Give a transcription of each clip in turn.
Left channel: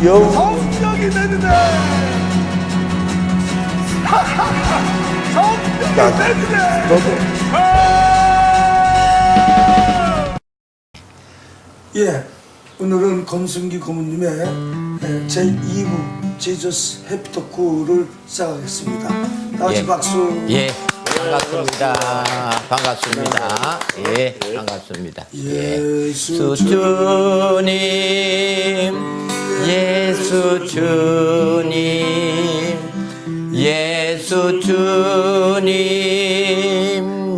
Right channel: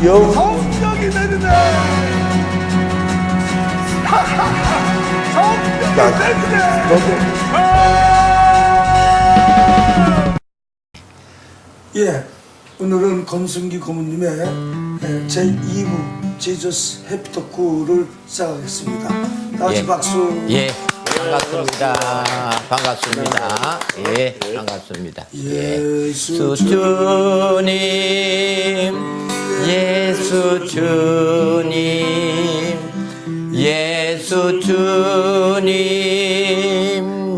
성령이 내리네. 성령이 내리네. 예, 오늘은 권순기 고모님의 제2부 Jesus Happy Talk를 시작하겠습니다. 다 같이 박수. 예, 반갑습니다. 반갑습니다. 예, 반갑습니다. 예수 주님, 예수 주님, 예수 주님,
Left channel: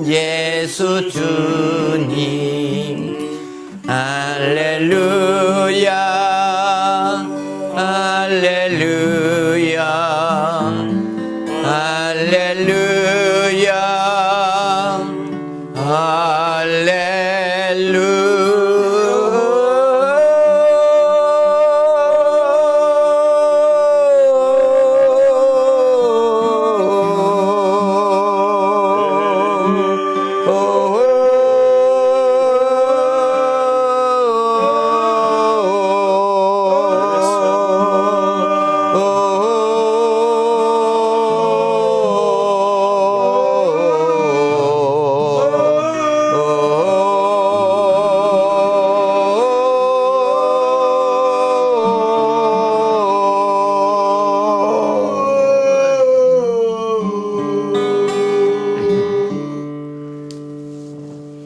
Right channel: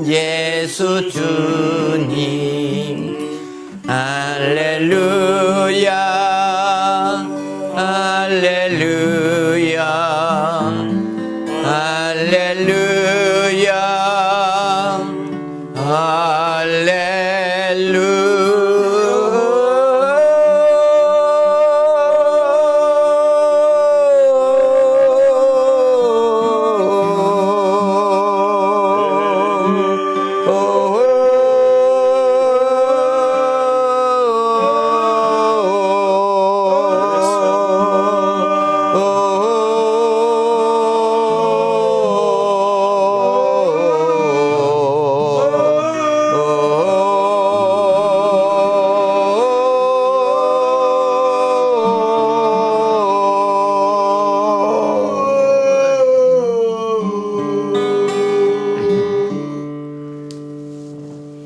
예수 주님, 할렐루야, 할렐루야, 할렐루야,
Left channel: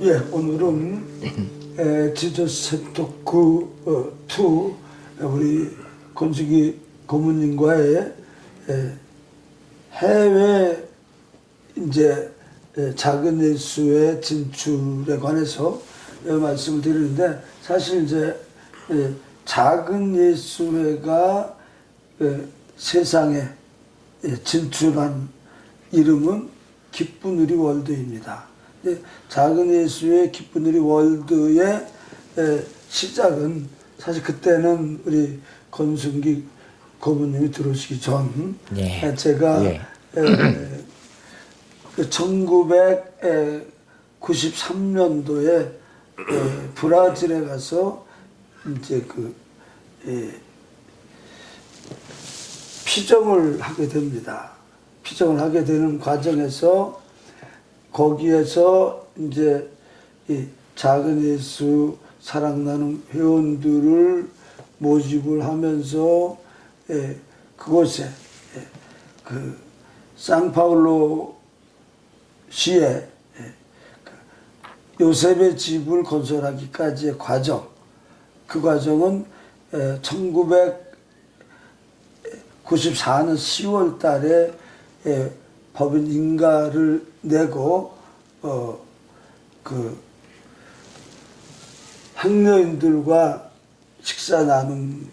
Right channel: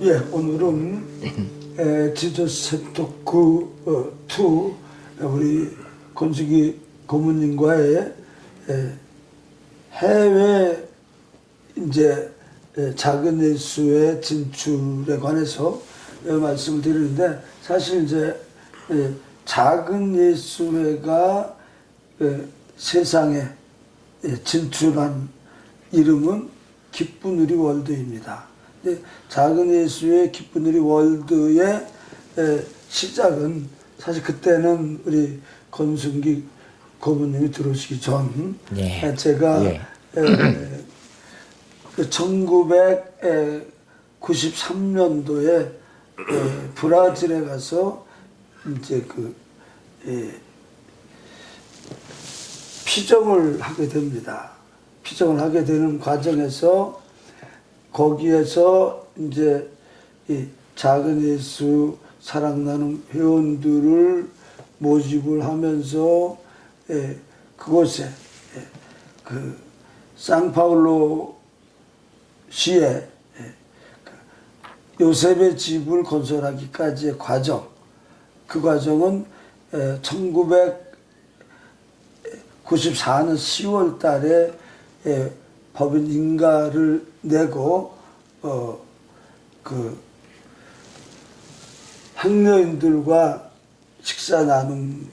예, 오늘은 지저스 햅 토크 2 우리 권순기 고모님과의 해외 이제 작은 예수의 진출에 관해서 말씀을 드리는데, 사실 이제 작은 예수회가 세상에 진출한 이름은 기쁜 우리 월드입니다. 작은 예수의 기쁜 우리 월드의 시작은 사실 그때는 우리 권순기 고모님이 들어오시기 전 제가 1993년도에 브라질에 가서 이제 피정을 하게 됩니다. 피정을 하게 되는 과정에서 거기에서 이제 이 작은 예수 사랑나는 회원들을 모집을 하면서 그곳에 그 상파울로 시에 요셉의 집을 건설하기까지의 과정, 그 과정은 1994년 10월 달에 법인 인가를 내고 그 학녀인들과 식사 나눔을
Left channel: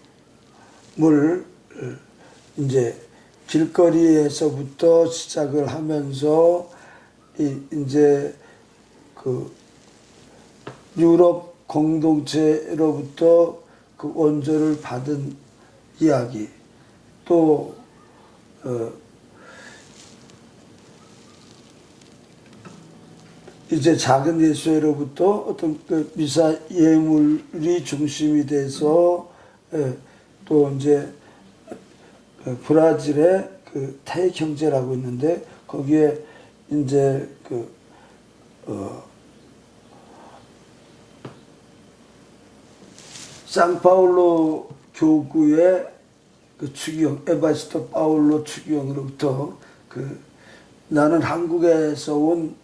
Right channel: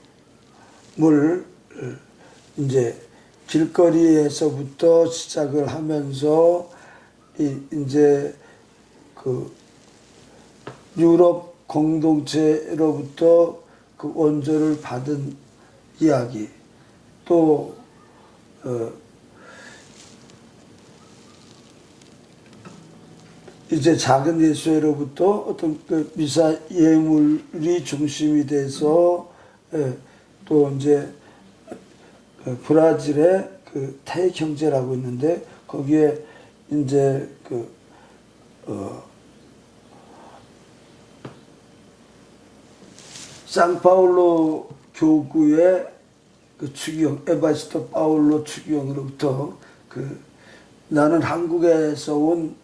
이제 길거리에서부터 시작을 하면서 이제 그 유럽 공동체로부터 그 원조를 받은 이야기, 또 이제 작은 예수회로부터 어떤 그 미사 예물이 중심이 돼서 또 이제 브라질의 그 태익 형제라고 있는데, 거기에 이제 상파울로 교구의 그 추기경, 에바리스토 파울로 추기경으로부터 나는 한국에서 온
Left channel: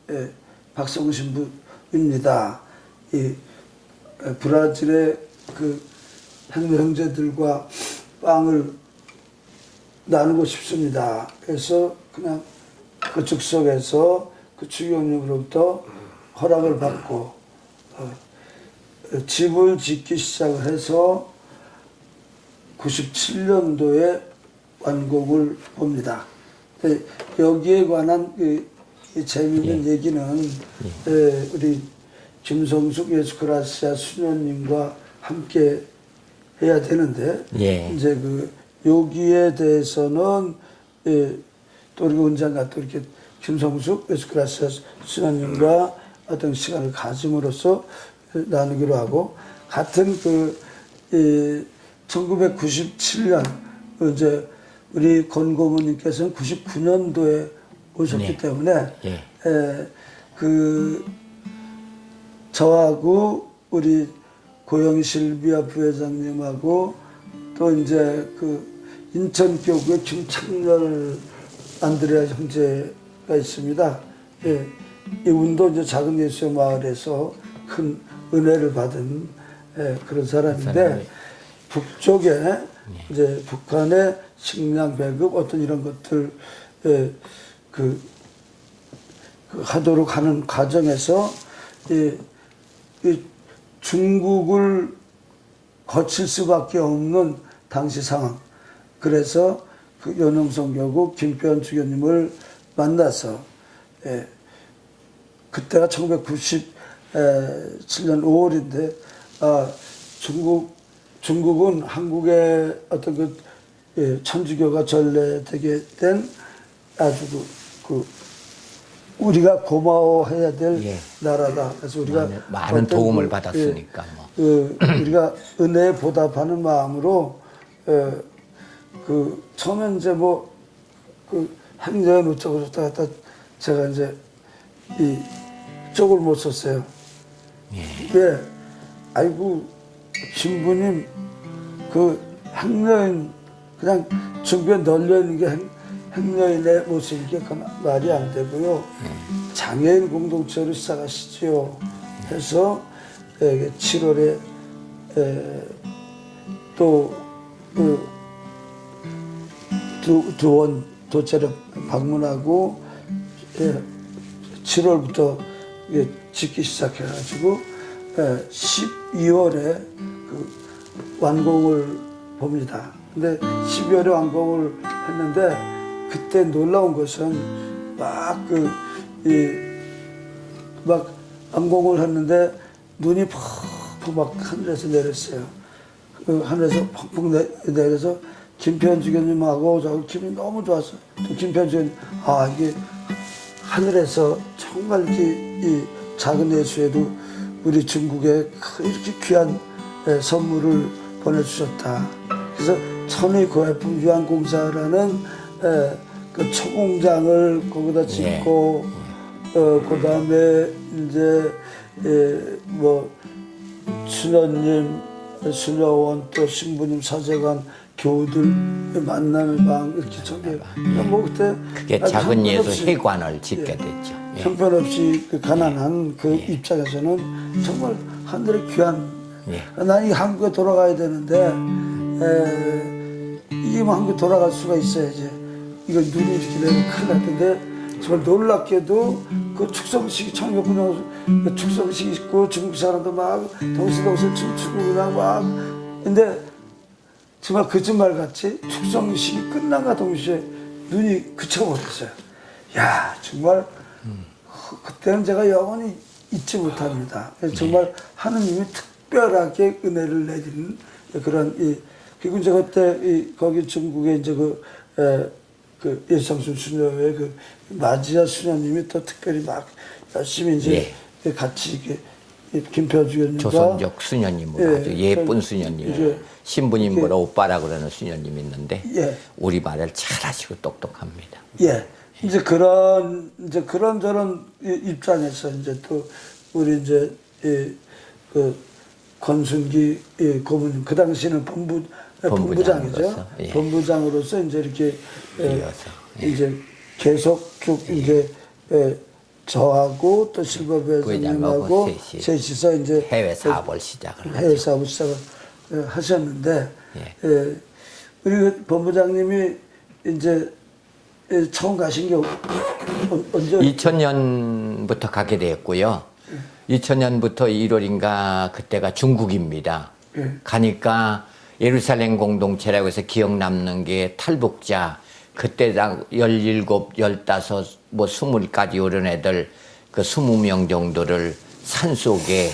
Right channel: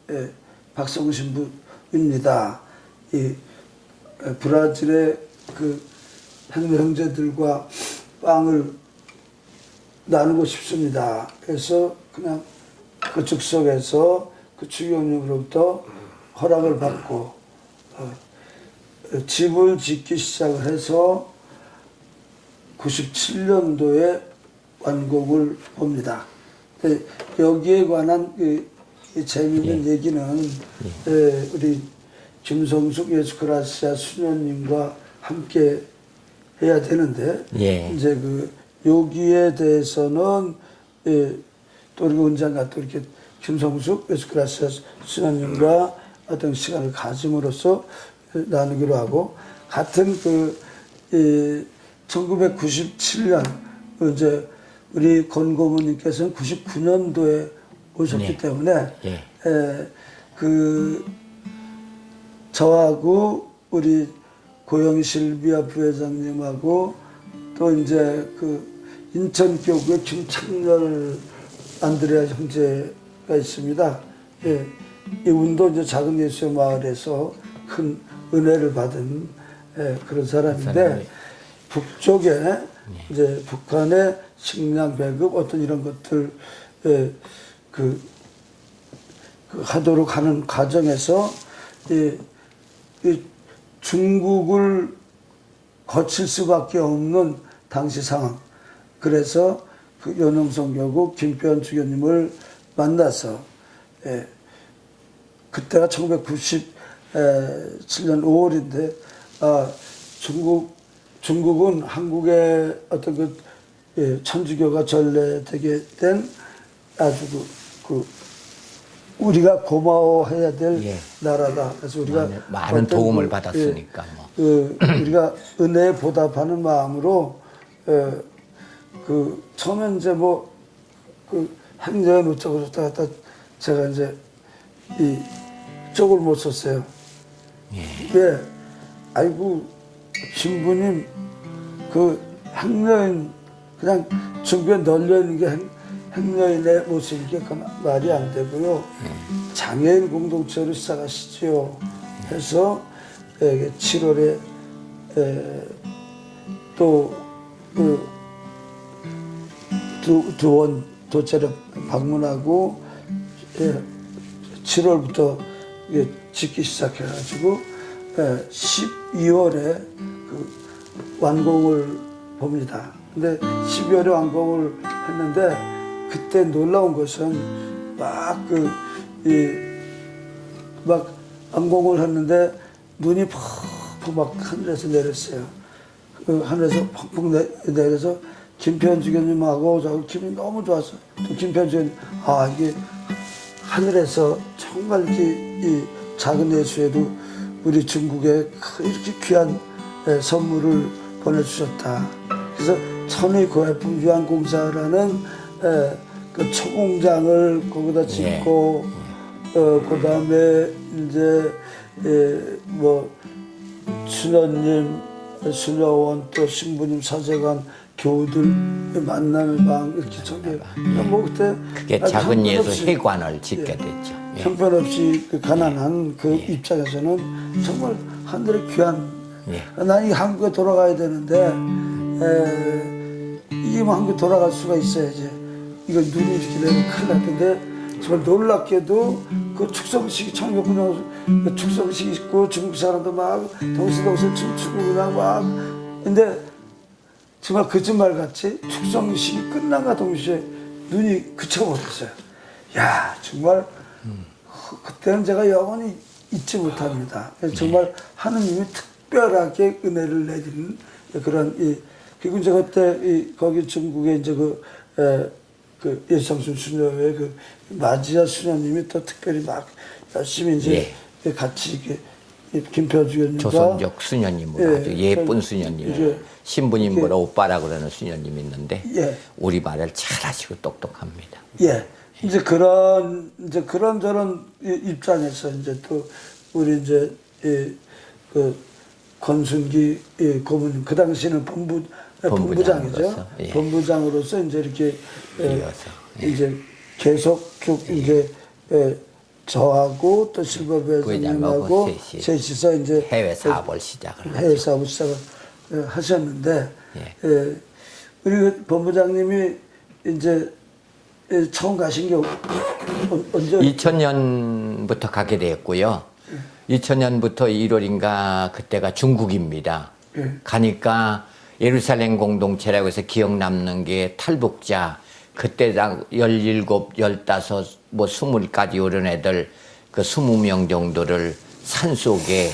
박성우 신부입니다. 이 브라질의 그 형제들과 빵을 나누고 싶습니다. 그래서 그냥 그 즉석에서 그 추기경으로부터 허락을 받고 집을 짓기 시작을 해서 97년도에 완공을 봅니다. 여기에 관한 재미있는 얘기는 우리 김성숙 예수크라시아 수녀님과 함께 해야 되는데, 이제 여기에 대해서는 또 우리 원장과 또 이렇게 김성숙 예수크라시아 수녀님과 어떤 시간을 가짐으로써 나누기로 하고, 같은 1997년 이제 우리 권 고모님께서는 99년도에 오셨기 네. 때문에 예. 그 저하고 우리 고영실비아 부회장님하고 또 이제 그 인천교구의 김창렬 안드레아 형제가 있습니다. 예. 이분도 이제 작은 예수의 마을에서 큰 은혜를 받은 그런 사람인데 북쪽에 이제 북한의 식량 배급 어떤 이런 것들 그 하도록 하는 과정에서 이 중국을 거칠 수밖에 없는 당시 상황. 그래서 그 연흥성 교구 김표현 주교님을 만나서 그때가 1997년 5월인데 중국은 한국의 어떤 그 천주교가 전래되게 된 아주 그 우리가 고마워해야 될 예. 나라다. 그래서 우리가 많은 어떤 도움을 그, 받았으니까 우리가 은혜에 보답하는 마음으로 그 처음에 이제 그 행정은 어쩌고 저쩌고 하다 제가 이제 이 쪽을 못 썼어요. 왜? 아이고 신부님 그 행여인 그냥 중국에 널려있는 게 행여인의 모습이게 그건 말이 안 되고요. 장애인 공동체로 시작하시지요. 해서 7월에 또그 두원 도체를 방문하고 7월부터 짓기 시작해가지고 12월에 그 완공을 봅니다. 근데 12월에 완공을 했는데 그때 놀라운 것은 막 완공을 했는데 눈이 푹푹 막 하늘에서 내렸어요. 그 하늘에서 푹푹 내려서 김표현 주교님하고 저 기분이 너무 좋았어요. 또 김표현 주교님 이게 하늘에서 정말 이렇게 이 작은 예수에도 우리 중국에 이렇게 귀한 선물을 보내주셨다. 그래서 천의 고해품 유한공사라는 그 초공장을 거기다 짓고 그 다음에 이제 수녀님, 수녀원 또 신부님 사제관 교우들 만나는 방 이렇게 전개 그때 그게 작은 예수 회관을 짓게 됐죠. 예. 형편없이 그 가난한 그 입장에서는 정말 하늘의 귀한 난 이 한국에 돌아가야 되는데 이게 한국에 돌아갈 수가 있어야지. 이거 눈이 이렇게 내리면 큰일 날 텐데 정말 놀랍게도 그 축성식이 1900년 축성식이 있고 중국 사람도 막 동시동시 춤추고 그냥 막 근데 정말 거짓말같이 축성식이 끝난과 동시에 눈이 그쳐버렸어요. 야 정말 그때는 제가 영원히 잊지 못합니다. 정말 하느님이 특별하게 은혜를 내리는 그런 그리고 이제 그때 거기 중국에 이제 그 예수상순 수녀의 그 마지아 수녀님이 또 특별히 막 열심히 이제 같이 이렇게 김표 주교님과 조선족 수녀님으로 아주 예쁜 수녀님, 신부님보다 오빠라 그러는 수녀님이 있는데 우리 말을 잘하시고 똑똑합니다. 이제 그런 저런 입장에서 이제 또 우리 이제 그 권순기 고모님 그 당시에는 본부장이죠. 본부장으로서 이제 이렇게 이제 계속 쭉 이제 저하고 또 실버 회장님하고 셋이서 이제 해외 사업을 시작을 하셨는데 우리 본부장님이 이제 처음 가신 게 언제? 2000년부터 가게 되었고요. 2000년부터 1월인가 그때가 중국입니다. 가니까 예루살렘 공동체라고 해서 기억 남는 게 탈북자 그때당 17, 15, 20까지 오른 애들 그 20명 정도를 산속에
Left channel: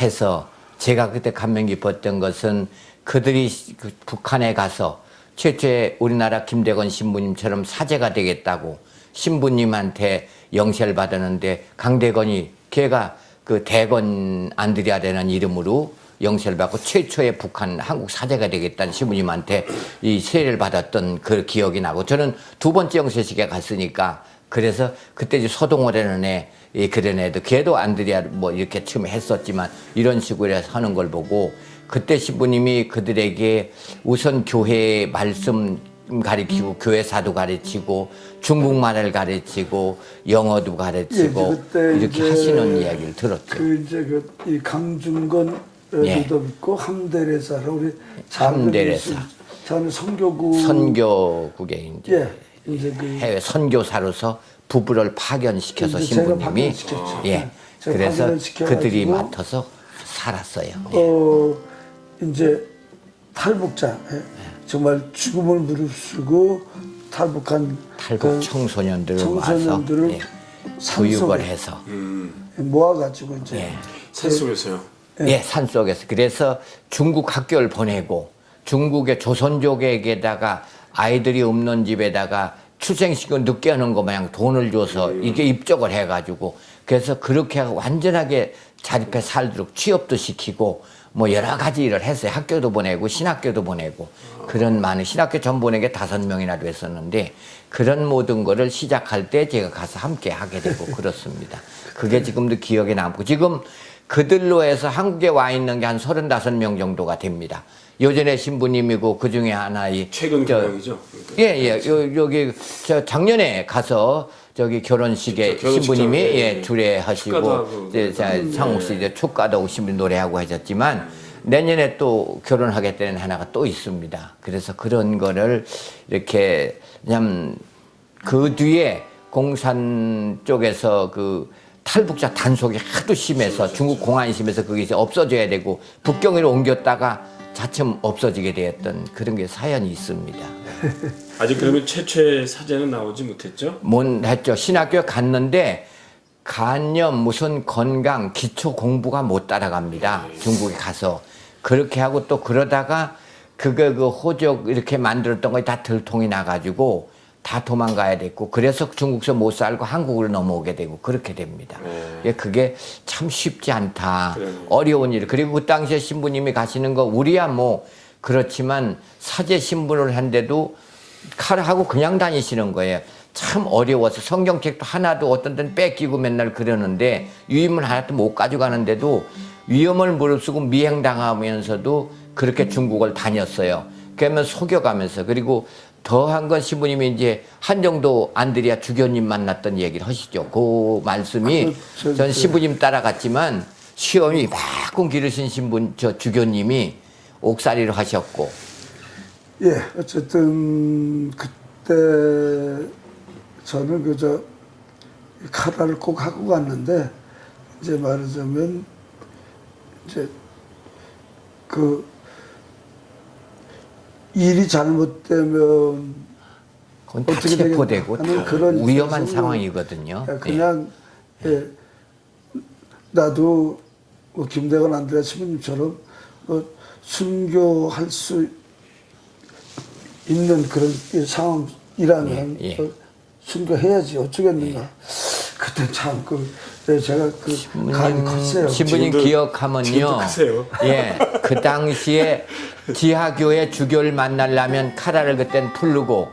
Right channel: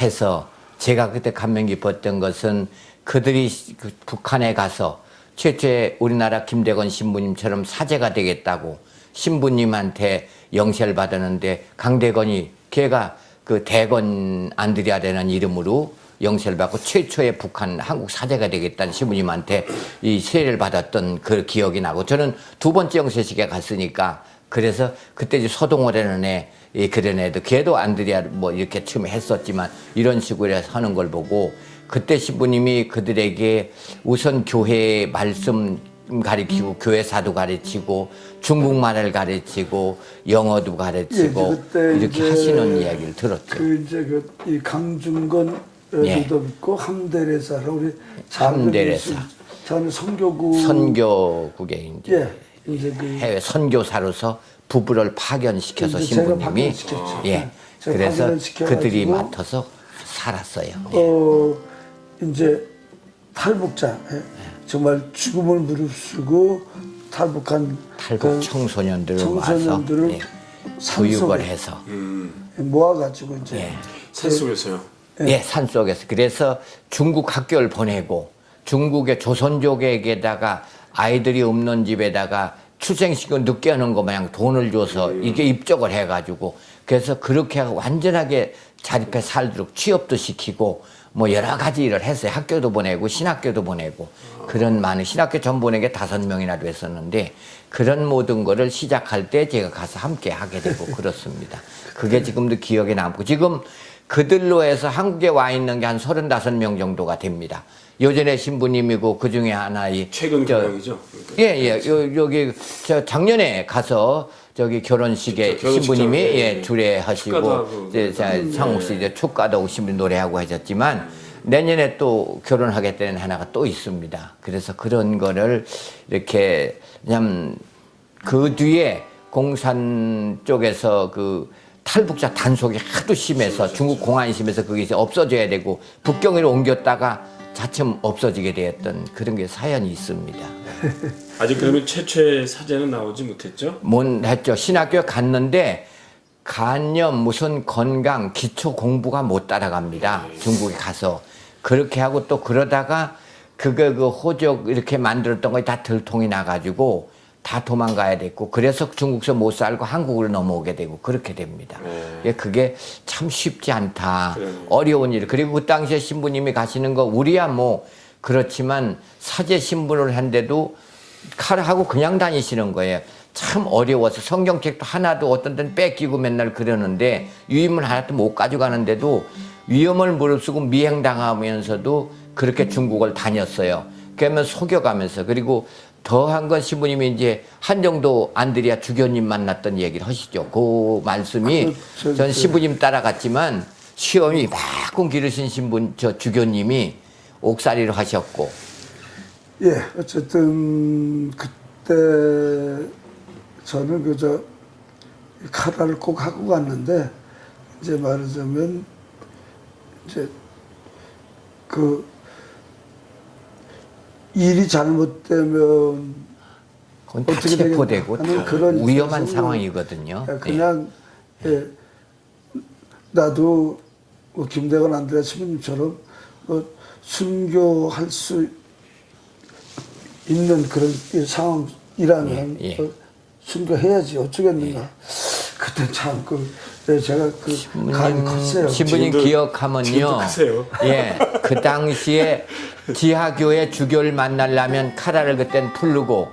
해서 제가 그때 감명 깊었던 것은 그들이 그 북한에 가서 최초의 우리나라 김대건 신부님처럼 사제가 되겠다고 신부님한테 영시를 받았는데 강대건이 걔가 그 대건 안드레아라는 이름으로 영세를 받고 최초의 북한 한국 사제가 되겠다는 신부님한테 이 세례를 받았던 그 기억이 나고 저는 두 번째 영세식에 갔으니까 그래서 그때 이제 서동호라는 애, 그런 애도 걔도 안드레아 뭐 이렇게 처음에 했었지만 이런 식으로 해서 하는 걸 보고 그때 신부님이 그들에게 우선 교회 말씀 가르치고 교회사도 가르치고 중국말을 가르치고 영어도 가르치고 이렇게 하시는 이야기를 들었죠. 그 이제 이 강중건 도 있고 함데레사라 우리 함데레사 저는 선교국에 이제 그 해외 선교사로서 부부를 파견시켜서 신부님이 그래서 그들이 맡아서 살았어요. 이제 탈북자 정말 죽음을 무릅쓰고 탈북한 탈북 청소년들을 와서 교육을 해서 모아가지고 이제 산속에서요. 산속에서 그래서 중국 학교를 보내고 중국의 조선족에게다가 아이들이 없는 집에다가 출생시키고 늦게 하는 거 마냥 돈을 줘서 이게 입적을 해가지고 그래서 그렇게 하고 완전하게 자립해 살도록 취업도 시키고 뭐 여러 가지 일을 했어요. 학교도 보내고 신학교도 보내고 그런 많은 신학교 전 보내게 5명이나 됐었는데 그런 모든 거를 시작할 때 제가 가서 함께 하게 되고 그렇습니다. 그게 지금도 기억에 남고 지금 그들로 해서 한국에 와 있는 게 한 35명 정도가 됩니다. 요전에 신부님이고 그 중에 하나 최근 경영이죠. 여기 저 작년에 가서 저기 결혼식에 신부님이 주례하시고 상욱 씨 이제 축가도 오신 분 노래하고 하셨지만 내년에 또 결혼하겠다는 하나가 또 있습니다. 그래서 그런 거를 이렇게 그냥 그 뒤에 공산 쪽에서 그 탈북자 단속이 하도 심해서 중국 공안이 심해서 그게 이제 없어져야 되고 북경으로 옮겼다가 차츰 없어지게 되었던 그런 게 사연이 있습니다. 아직 그러면 최초의 사제는 나오지 못했죠? 했죠. 신학교에 갔는데 간염 무슨 건강 기초 공부가 못 따라갑니다. 중국에 가서 그렇게 하고 또 그러다가 그 호적 이렇게 만들었던 거에 다 들통이 나가지고 다 도망가야 됐고 그래서 중국에서 못 살고 한국으로 넘어오게 되고 그렇게 됩니다. 그게 참 쉽지 않다. 어려운 일. 그리고 그 당시에 신부님이 가시는 거 우리야 뭐 그렇지만 사제 신분을 한데도 칼하고 그냥 다니시는 거예요. 참 어려워서 성경책도 하나도 어떤 데는 뺏기고 맨날 그러는데 유임을 하나도 못 가져가는데도 위험을 무릅쓰고 미행당하면서도 그렇게 중국을 다녔어요. 그러면 속여가면서 그리고 더한 건 신부님이 이제 한정도 안드레아 주교님 만났던 얘기를 하시죠. 그 말씀이 전 신부님 따라갔지만 시험이 막끔 기르신 주교님이 옥살이를 하셨고. 어쨌든 그때 저는 그저 카라를 꼭 하고 갔는데 이제 말하자면 이제 그 일이 잘못되면 그건 다 체포되고 다 그런 위험한 상황이거든요. 그냥 나도 뭐 김대건 안드레아 신부님처럼 순교할 수 있는 그런 상황이라면 순교해야지 어쩌겠는가. 그때 참 제가 가입이 컸어요. 신부님 기억하면요. 그 당시에 지하교회 주교를 만나려면 카라를 그땐 풀르고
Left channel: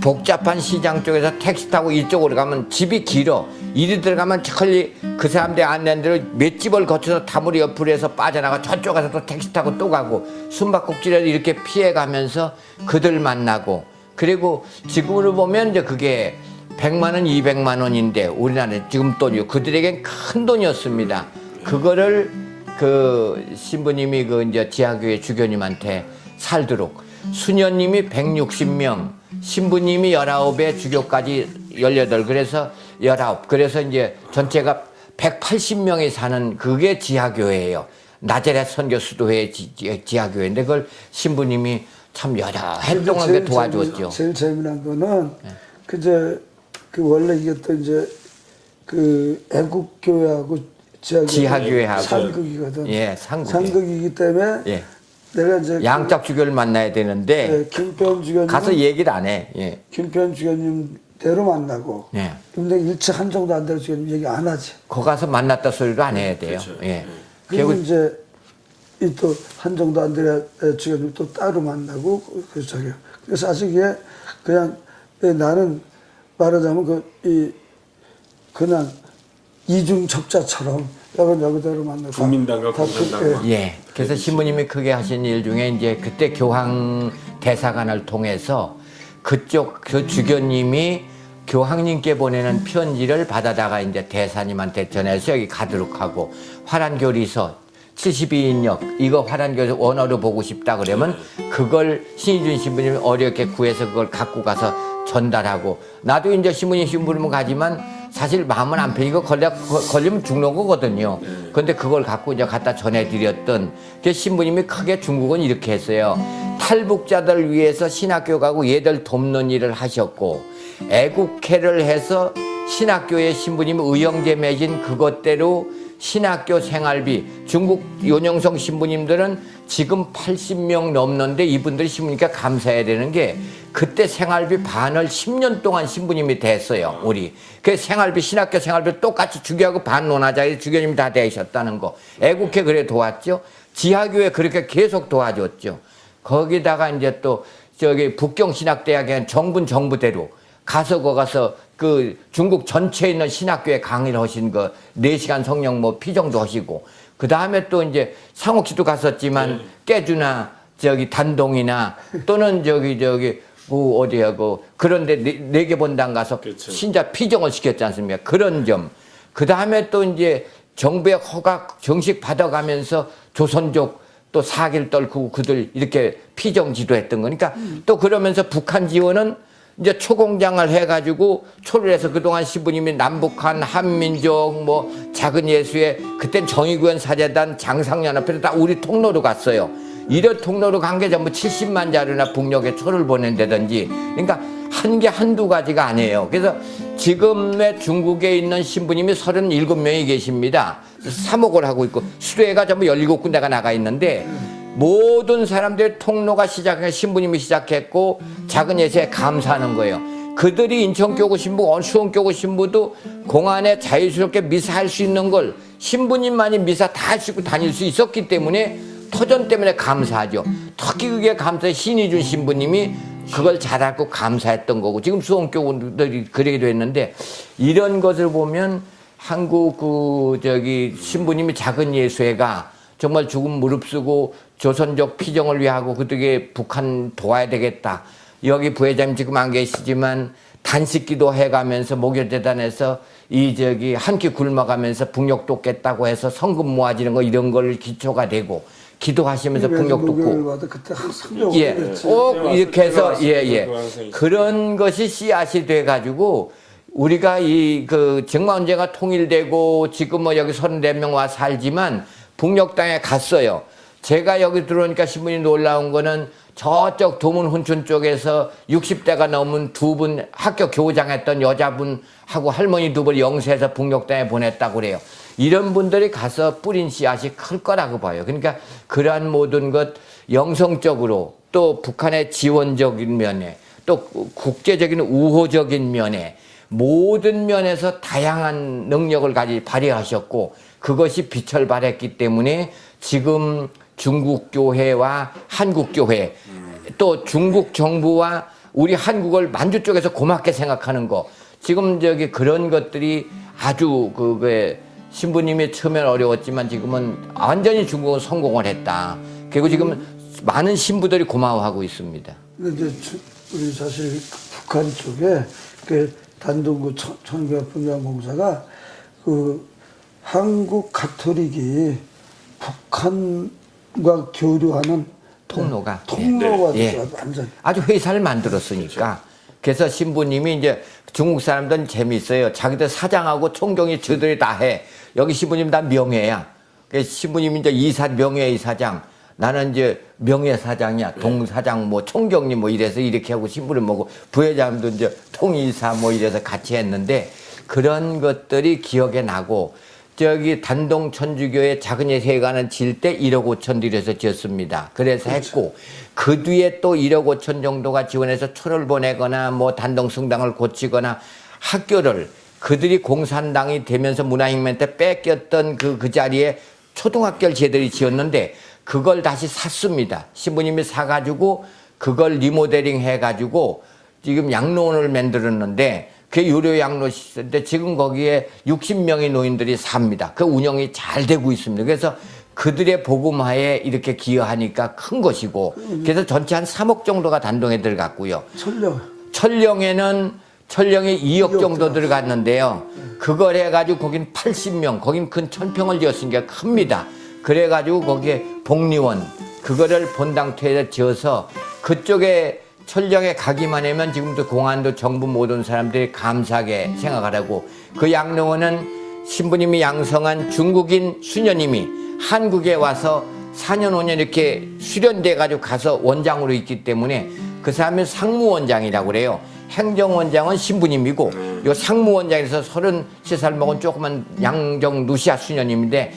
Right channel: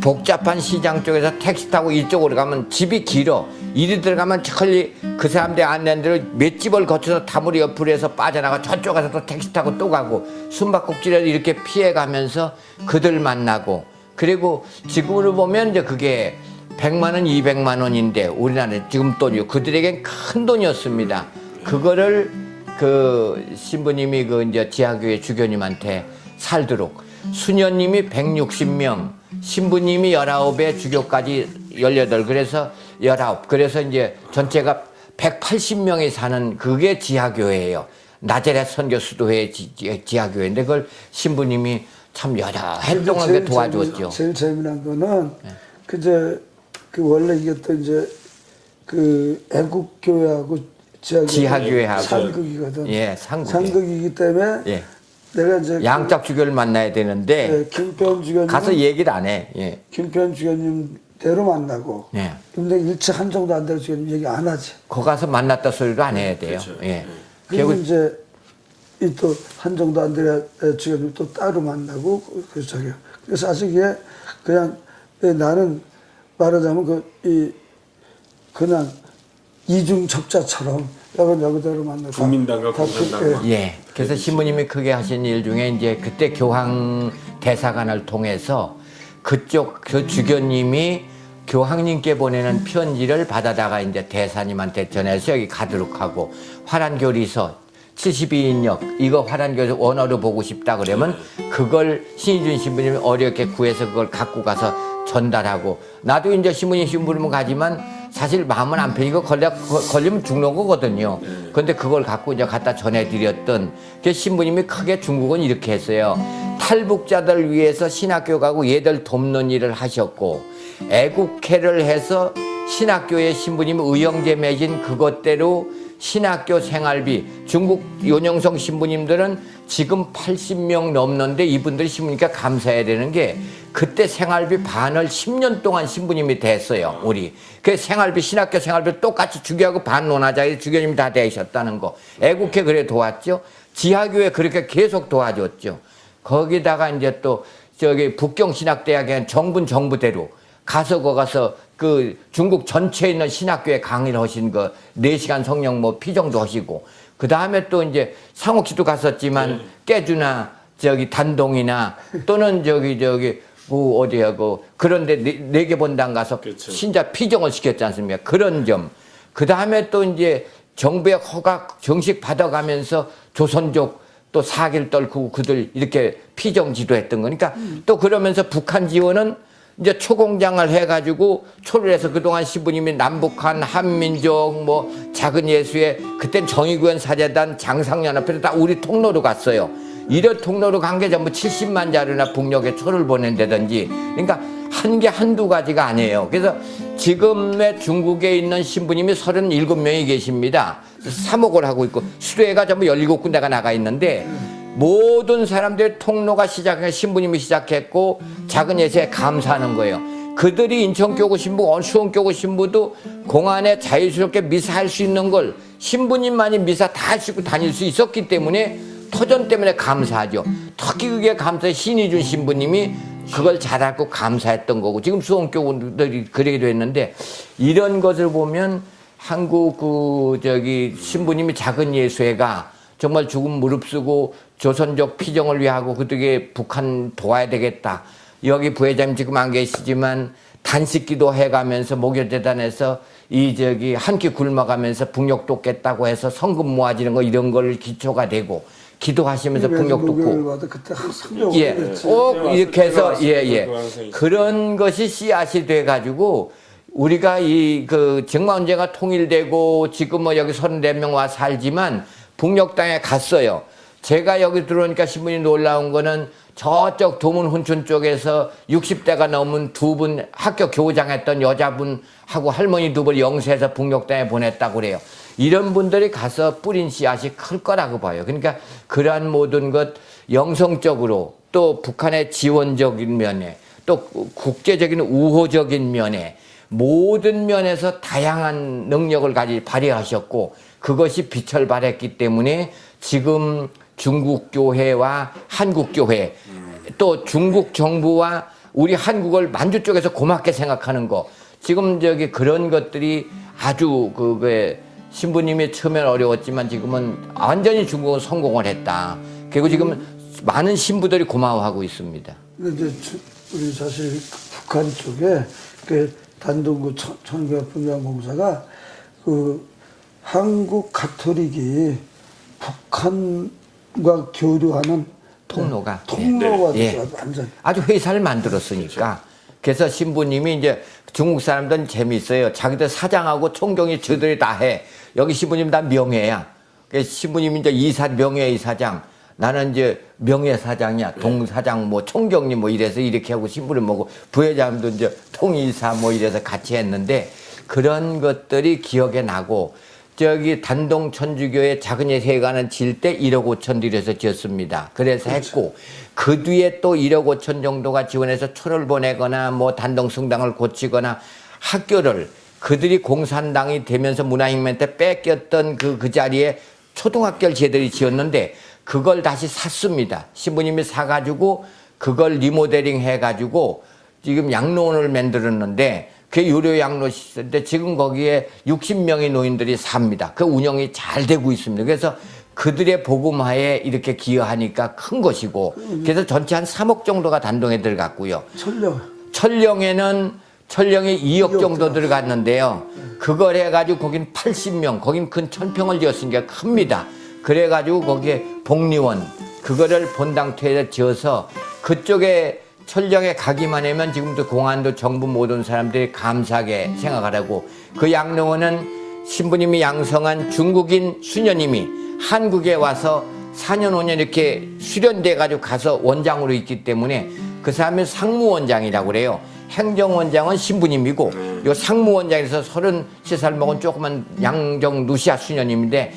복잡한 시장 쪽에서 택시 타고 이쪽으로 가면 집이 길어. 이리 들어가면 천리 그 사람들 안내한 대로 몇 집을 거쳐서 다무리 옆으로 해서 빠져나가 저쪽 가서 또 택시 타고 또 가고 숨바꼭질을 이렇게 피해가면서 그들 만나고 그리고 지금으로 보면 이제 그게 100만 원, 200만 원인데 우리나라는 지금 돈이요. 그들에겐 큰 돈이었습니다. 그거를 그 신부님이 그 이제 지하교회 주교님한테 살도록 수녀님이 160명, 신부님이 19에 주교까지 18 그래서 19 그래서 이제 전체가 180명이 사는 그게 지하교회예요. 나자렛 선교수도회 지하교회인데 그걸 신부님이 참 여러 해 동안 도와줬죠. 제일 재미난 거는 그 원래 이게 또 이제 그 애국교회하고 지하교회하고 상극이거든. 상극. 상극이기 때문에 내가 이제 양짝 주교를 만나야 되는데 김편 주교님 가서 얘기를 안 해. 김편 주교님 대로 만나고 근데 일체 한정도 안 되는 주교님 얘기 안 하지. 거 가서 만났다 소리도 안 해야 돼요. 그리고 이제 이 또 한정도 안드레아 주교님 또 따로 만나고 그 저기요. 그래서 사실 이게 그냥 나는 말하자면 그냥 이중 적자처럼 여기저기로 만나서 국민당과 공산당과. 예. 그래서 신부님이 크게 하신 일 중에 이제 그때 교황 대사관을 통해서 그쪽 그 주교님이 교황님께 보내는 편지를 받아다가 이제 대사님한테 전해서 여기 가도록 하고 화란교리서 72인역 이거 화란교리서 원어로 보고 싶다 그러면 그걸 신희준 신부님이 어렵게 구해서 그걸 갖고 가서 전달하고 나도 이제 신부님 심부름은 가지만 사실 마음은 안 편히고 걸리면 죽는 거거든요. 근데 그걸 갖고 이제 갖다 전해드렸던 그 신부님이 크게 중국은 이렇게 했어요. 탈북자들 위해서 신학교 가고 얘들 돕는 일을 하셨고 애국회를 해서 신학교에 신부님이 의형제 맺은 그것대로 신학교 생활비 중국 윤영성 신부님들은 지금 80명 넘는데 이분들이 신부니까 감사해야 되는 게 그때 생활비 반을 10년 동안 신부님이 됐어요. 우리 그 생활비 신학교 생활비 똑같이 주교하고 반론하자에 주교님이 다 되셨다는 거 애국회 그래 도왔죠. 지하교회 그렇게 계속 도와줬죠. 거기다가 이제 또 저기 북경신학대학에 정부대로 가서 그 중국 전체에 있는 신학교에 강의를 하신 거 4시간 성령 뭐 피정도 하시고 그 다음에 또 이제 상옥시도 갔었지만 깨주나 저기 단동이나 또는 저기 뭐 어디야 그런데 네 개 본당 가서 그렇죠. 신자 피정을 시켰지 않습니까? 그런 점. 그 다음에 또 이제 정부의 허락 정식 받아가면서 조선족 또 사기를 떨고 그들 이렇게 피정 지도했던 거니까 또 그러면서 북한 지원은 이제 초공장을 해가지고 초를해서 그동안 신부님이 남북한 한민족 뭐 작은 예수의 그땐 정의구현 사재단 장상연합회도 다 우리 통로로 갔어요. 이런 통로로 간 게 전부 70만 자루나 북녘에 초를 보낸다든지 그러니까 한 개 한두 가지가 아니에요. 그래서 지금의 중국에 있는 신부님이 37명이 계십니다. 사목을 하고 있고 수도회가 전부 17군데가 나가 있는데 모든 사람들의 통로가 신부님이 시작했고 작은 예수에 감사하는 거예요. 그들이 인천교구 신부, 수원교구 신부도 공안에 자유스럽게 미사할 수 있는 걸 신부님만이 미사 다 하시고 다닐 수 있었기 때문에 터전 때문에 감사하죠. 특히 그게 감사해 신희준 신부님이 그걸 잘 알고 감사했던 거고 지금 수원교구들이 그러게 됐는데 이런 것을 보면 한국 신부님이 작은 예수회가 정말 죽음 무릅쓰고 조선족 피정을 위하고 그들에게 북한 도와야 되겠다. 여기 부회장님 지금 안 계시지만 단식기도 해가면서 목요재단에서 한 끼 굶어가면서 북녘 돕겠다고 해서 성금 모아지는 거 이런 걸 기초가 되고 기도하시면서 북녘 돕고 예, 꼭 이렇게 해서 그런 것이 씨앗이 돼가지고 우리가 정마운제가 통일되고 지금 뭐 여기 34명 와 살지만 북녘 땅에 갔어요. 제가 여기 들어오니까 신분이 놀라운 거는 저쪽 도문 훈춘 쪽에서 60대가 넘은 두 분 학교 교장했던 여자분하고 할머니 두 분 영세에서 북녘 땅에 보냈다고 그래요. 이런 분들이 가서 뿌린 씨앗이 클 거라고 봐요. 그러니까 그러한 모든 것 영성적으로 또 북한의 지원적인 면에 또 국제적인 우호적인 면에 모든 면에서 다양한 능력을 발휘하셨고 그것이 빛을 발했기 때문에 지금 중국 교회와 한국 교회 또 중국 정부와 우리 한국을 만주 쪽에서 고맙게 생각하는 거 지금 그런 것들이 아주 신부님이 처음엔 어려웠지만 지금은 완전히 중국은 성공을 했다. 그리고 지금 많은 신부들이 고마워하고 있습니다. 근데 이제 우리 사실 북한 쪽에 단동구 천교회 분양공사가 한국 가톨릭이 북한과 교류하는 통로가 완전 아주 회사를 만들었으니까 그래서 신부님이 이제 중국 사람들은 재미있어요. 자기들 사장하고 총경이 저들이 다 해. 여기 신부님 다 명예야. 그래서 신부님이 이제 명예이사장. 나는 이제 명예사장이야. 동사장 뭐 총경님 뭐 이래서 이렇게 하고 신부를 먹고 부회장도 이제 통이사 뭐 이래서 같이 했는데 그런 것들이 기억에 나고 단동 천주교의 작은 예수회관은 질 때 1억 5천 들여서 지었습니다. 그래서 했고 그 뒤에 또 1억 5천 정도가 지원해서 초를 보내거나 뭐 단동 성당을 고치거나 학교를 그들이 공산당이 되면서 문화혁명 때 뺏겼던 그 자리에 초등학교를 제들이 지었는데 그걸 다시 샀습니다. 신부님이 사가지고 그걸 리모델링 해가지고 지금 양로원을 만들었는데 그게 유료 양로시설인데 지금 거기에 60명의 노인들이 삽니다. 그 운영이 잘 되고 있습니다. 그래서 그들의 복음화에 이렇게 기여하니까 큰 것이고 그래서 전체 한 3억 정도가 단동에 들어갔고요. 천령에 2억 정도 들어갔는데요. 그걸 해가지고 거긴 80명, 거긴 큰 1000평을 지었으니까 큽니다. 그래가지고 거기에 복리원, 그거를 본당토에 지어서 그쪽에 천령에 가기만 하면 지금도 공안도 정부 모든 사람들이 감사하게 생각하라고 그 양로원은 신부님이 양성한 중국인 수녀님이 한국에 와서 4년 5년 이렇게 수련돼 가지고 가서 원장으로 있기 때문에 그 사람이 상무원장이라고 그래요. 행정원장은 신부님이고 요 상무원장에서 33살 먹은 조그만 양정 루시아 수녀님인데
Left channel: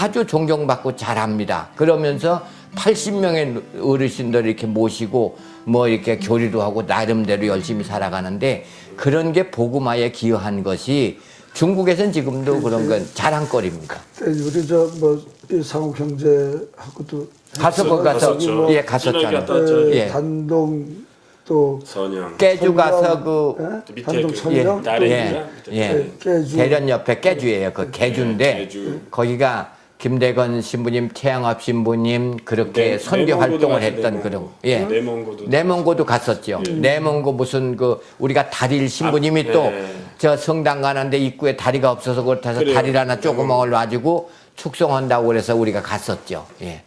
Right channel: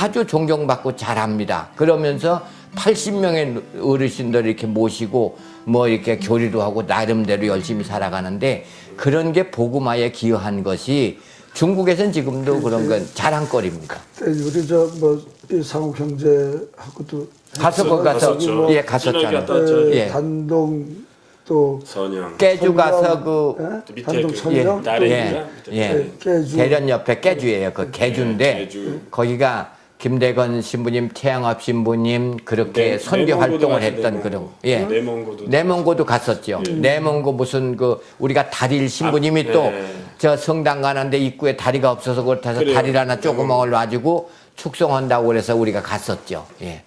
아주 존경받고 잘합니다. 그러면서 80명의 어르신들을 이렇게 모시고 뭐 이렇게 교리도 하고 나름대로 열심히 살아가는데 그런 게 복음화에 기여한 것이 중국에서는 지금도 그런 건 자랑거리입니다. 우리 저뭐 상욱 형제하고도 가서 거기 가서 갔었죠. 예 갔었잖아요. 예. 단동 또 선영 깨주 가서 그 밑에 단동 그 천령 예. 대련 옆에 깨주예요. 그 깨주인데 깨주. 거기가 김대건 신부님, 태양합 신부님 그렇게 선교 활동을 했던 그런 내몽고도 갔었죠. 내몽고 무슨 그 우리가 다릴 신부님이 또 저 성당 가는데 입구에 다리가 없어서 그걸 타서 다리를 하나 조그만 놔주고 축성한다고 그래서 우리가 갔었죠. 예.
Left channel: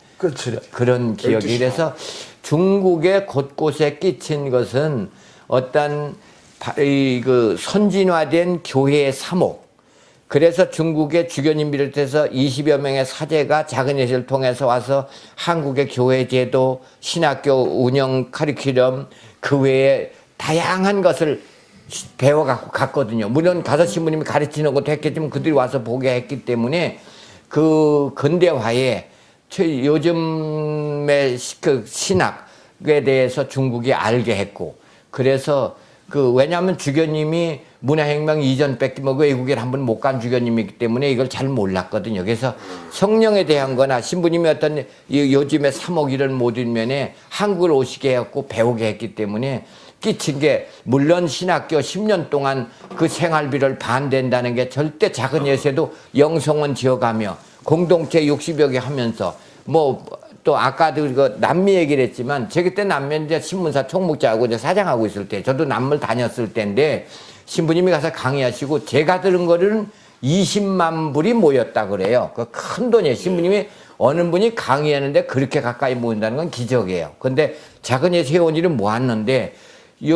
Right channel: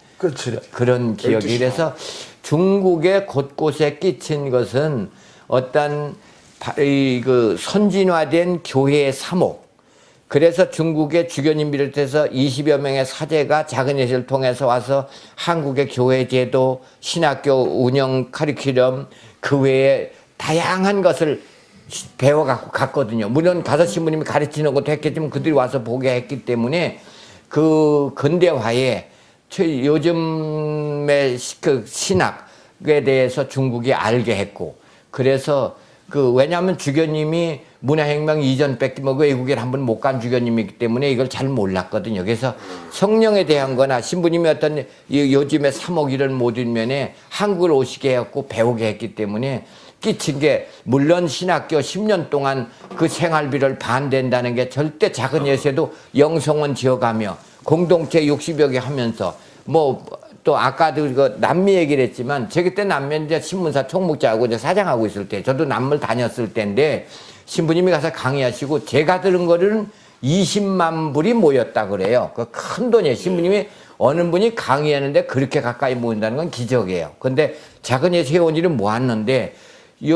그런 기억이 이래서 중국의 곳곳에 끼친 것은 어떤 그 선진화된 교회의 사목. 그래서 중국의 주교님 비롯해서 20여 명의 사제가 작은 예식을 통해서 와서 한국의 교회 제도, 신학교 운영 커리큘럼 그 외에 다양한 것을 배워갖고 갔거든요. 물론 가서 신부님이 가르치는 것도 했겠지만 그들이 와서 보게 했기 때문에 그 근대화에 요즘의 그 신학에 대해서 중국이 알게 했고 그래서 왜냐하면 주교님이 문화혁명 이전밖에 뭐 외국에 한 번 못 간 주교님이기 때문에 이걸 잘 몰랐거든요. 그래서 성령에 대한 거나 신부님이 어떤 요즘에 3억 일을 못 일면에 한국을 오시게 했고 배우게 했기 때문에 끼친 게 물론 신학교 10년 동안 그 생활비를 반대한다는 게 절대 작은 예세도 영성원 지어가며 공동체 60여 개 하면서 또 아까도 그 남미 얘기를 했지만 제 그때 남미인데 신문사 총무자하고 이제 사장하고 있을 때 저도 남미를 다녔을 때인데 신부님이 가서 강의하시고 제가 들은 거는 20만 불이 모였다 그래요. 그 큰 돈이에요. 신부님이 어느 분이 강의하는데 그렇게 가까이 모인다는 건 기적이에요. 근데 작은 예 세원이는 모았는데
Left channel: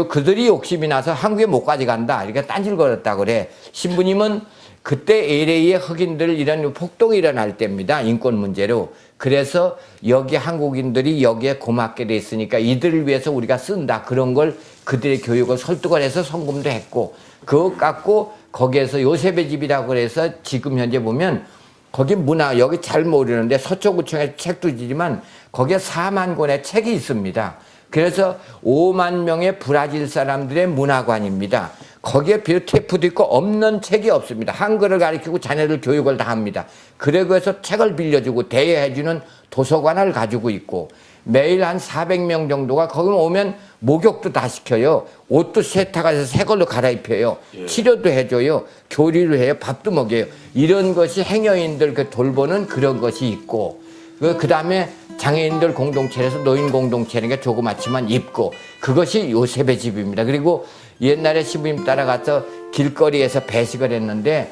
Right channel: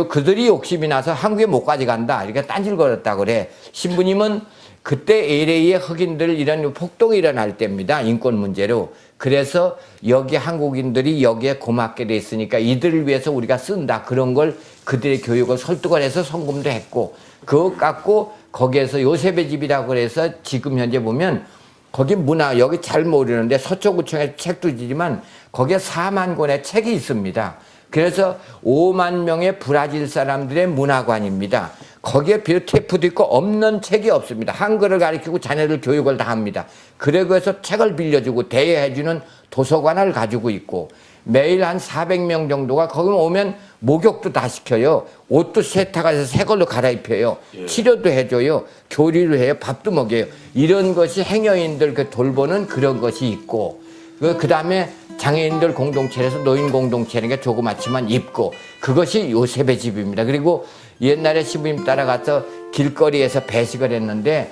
그들이 욕심이 나서 한국에 못 가져간다. 이렇게 딴질거렸다 그래. 신부님은 그때 LA의 흑인들 이런 폭동이 일어날 때입니다. 인권 문제로. 그래서 여기 한국인들이 여기에 고맙게 돼 있으니까 이들을 위해서 우리가 쓴다. 그런 걸 그들의 교육을 설득을 해서 성금도 했고 그것 갖고 거기에서 요셉의 집이라고 해서 지금 현재 보면 거기 문화 여기 잘 모르는데 서초구청에 책도 지지만 거기에 4만 권의 책이 있습니다. 그래서 5만 명의 브라질 사람들의 문화관입니다. 거기에 비오테프도 있고 없는 책이 없습니다. 한글을 가르치고 자녀들 교육을 다 합니다. 그러고 해서 책을 빌려주고 대여해주는 도서관을 가지고 있고 매일 한 400명 정도가 거기 오면 목욕도 다 시켜요. 옷도 세탁해서 새 걸로 갈아입혀요. 치료도 해줘요. 교리를 해요. 밥도 먹여요. 이런 것이 행여인들 돌보는 그런 것이 있고 그 다음에 장애인들 공동체에서 노인 공동체니까 조그맣지만 있고 그것이 요셉의 집입니다. 그리고 옛날에 신부님 따라가서 길거리에서 배식을 했는데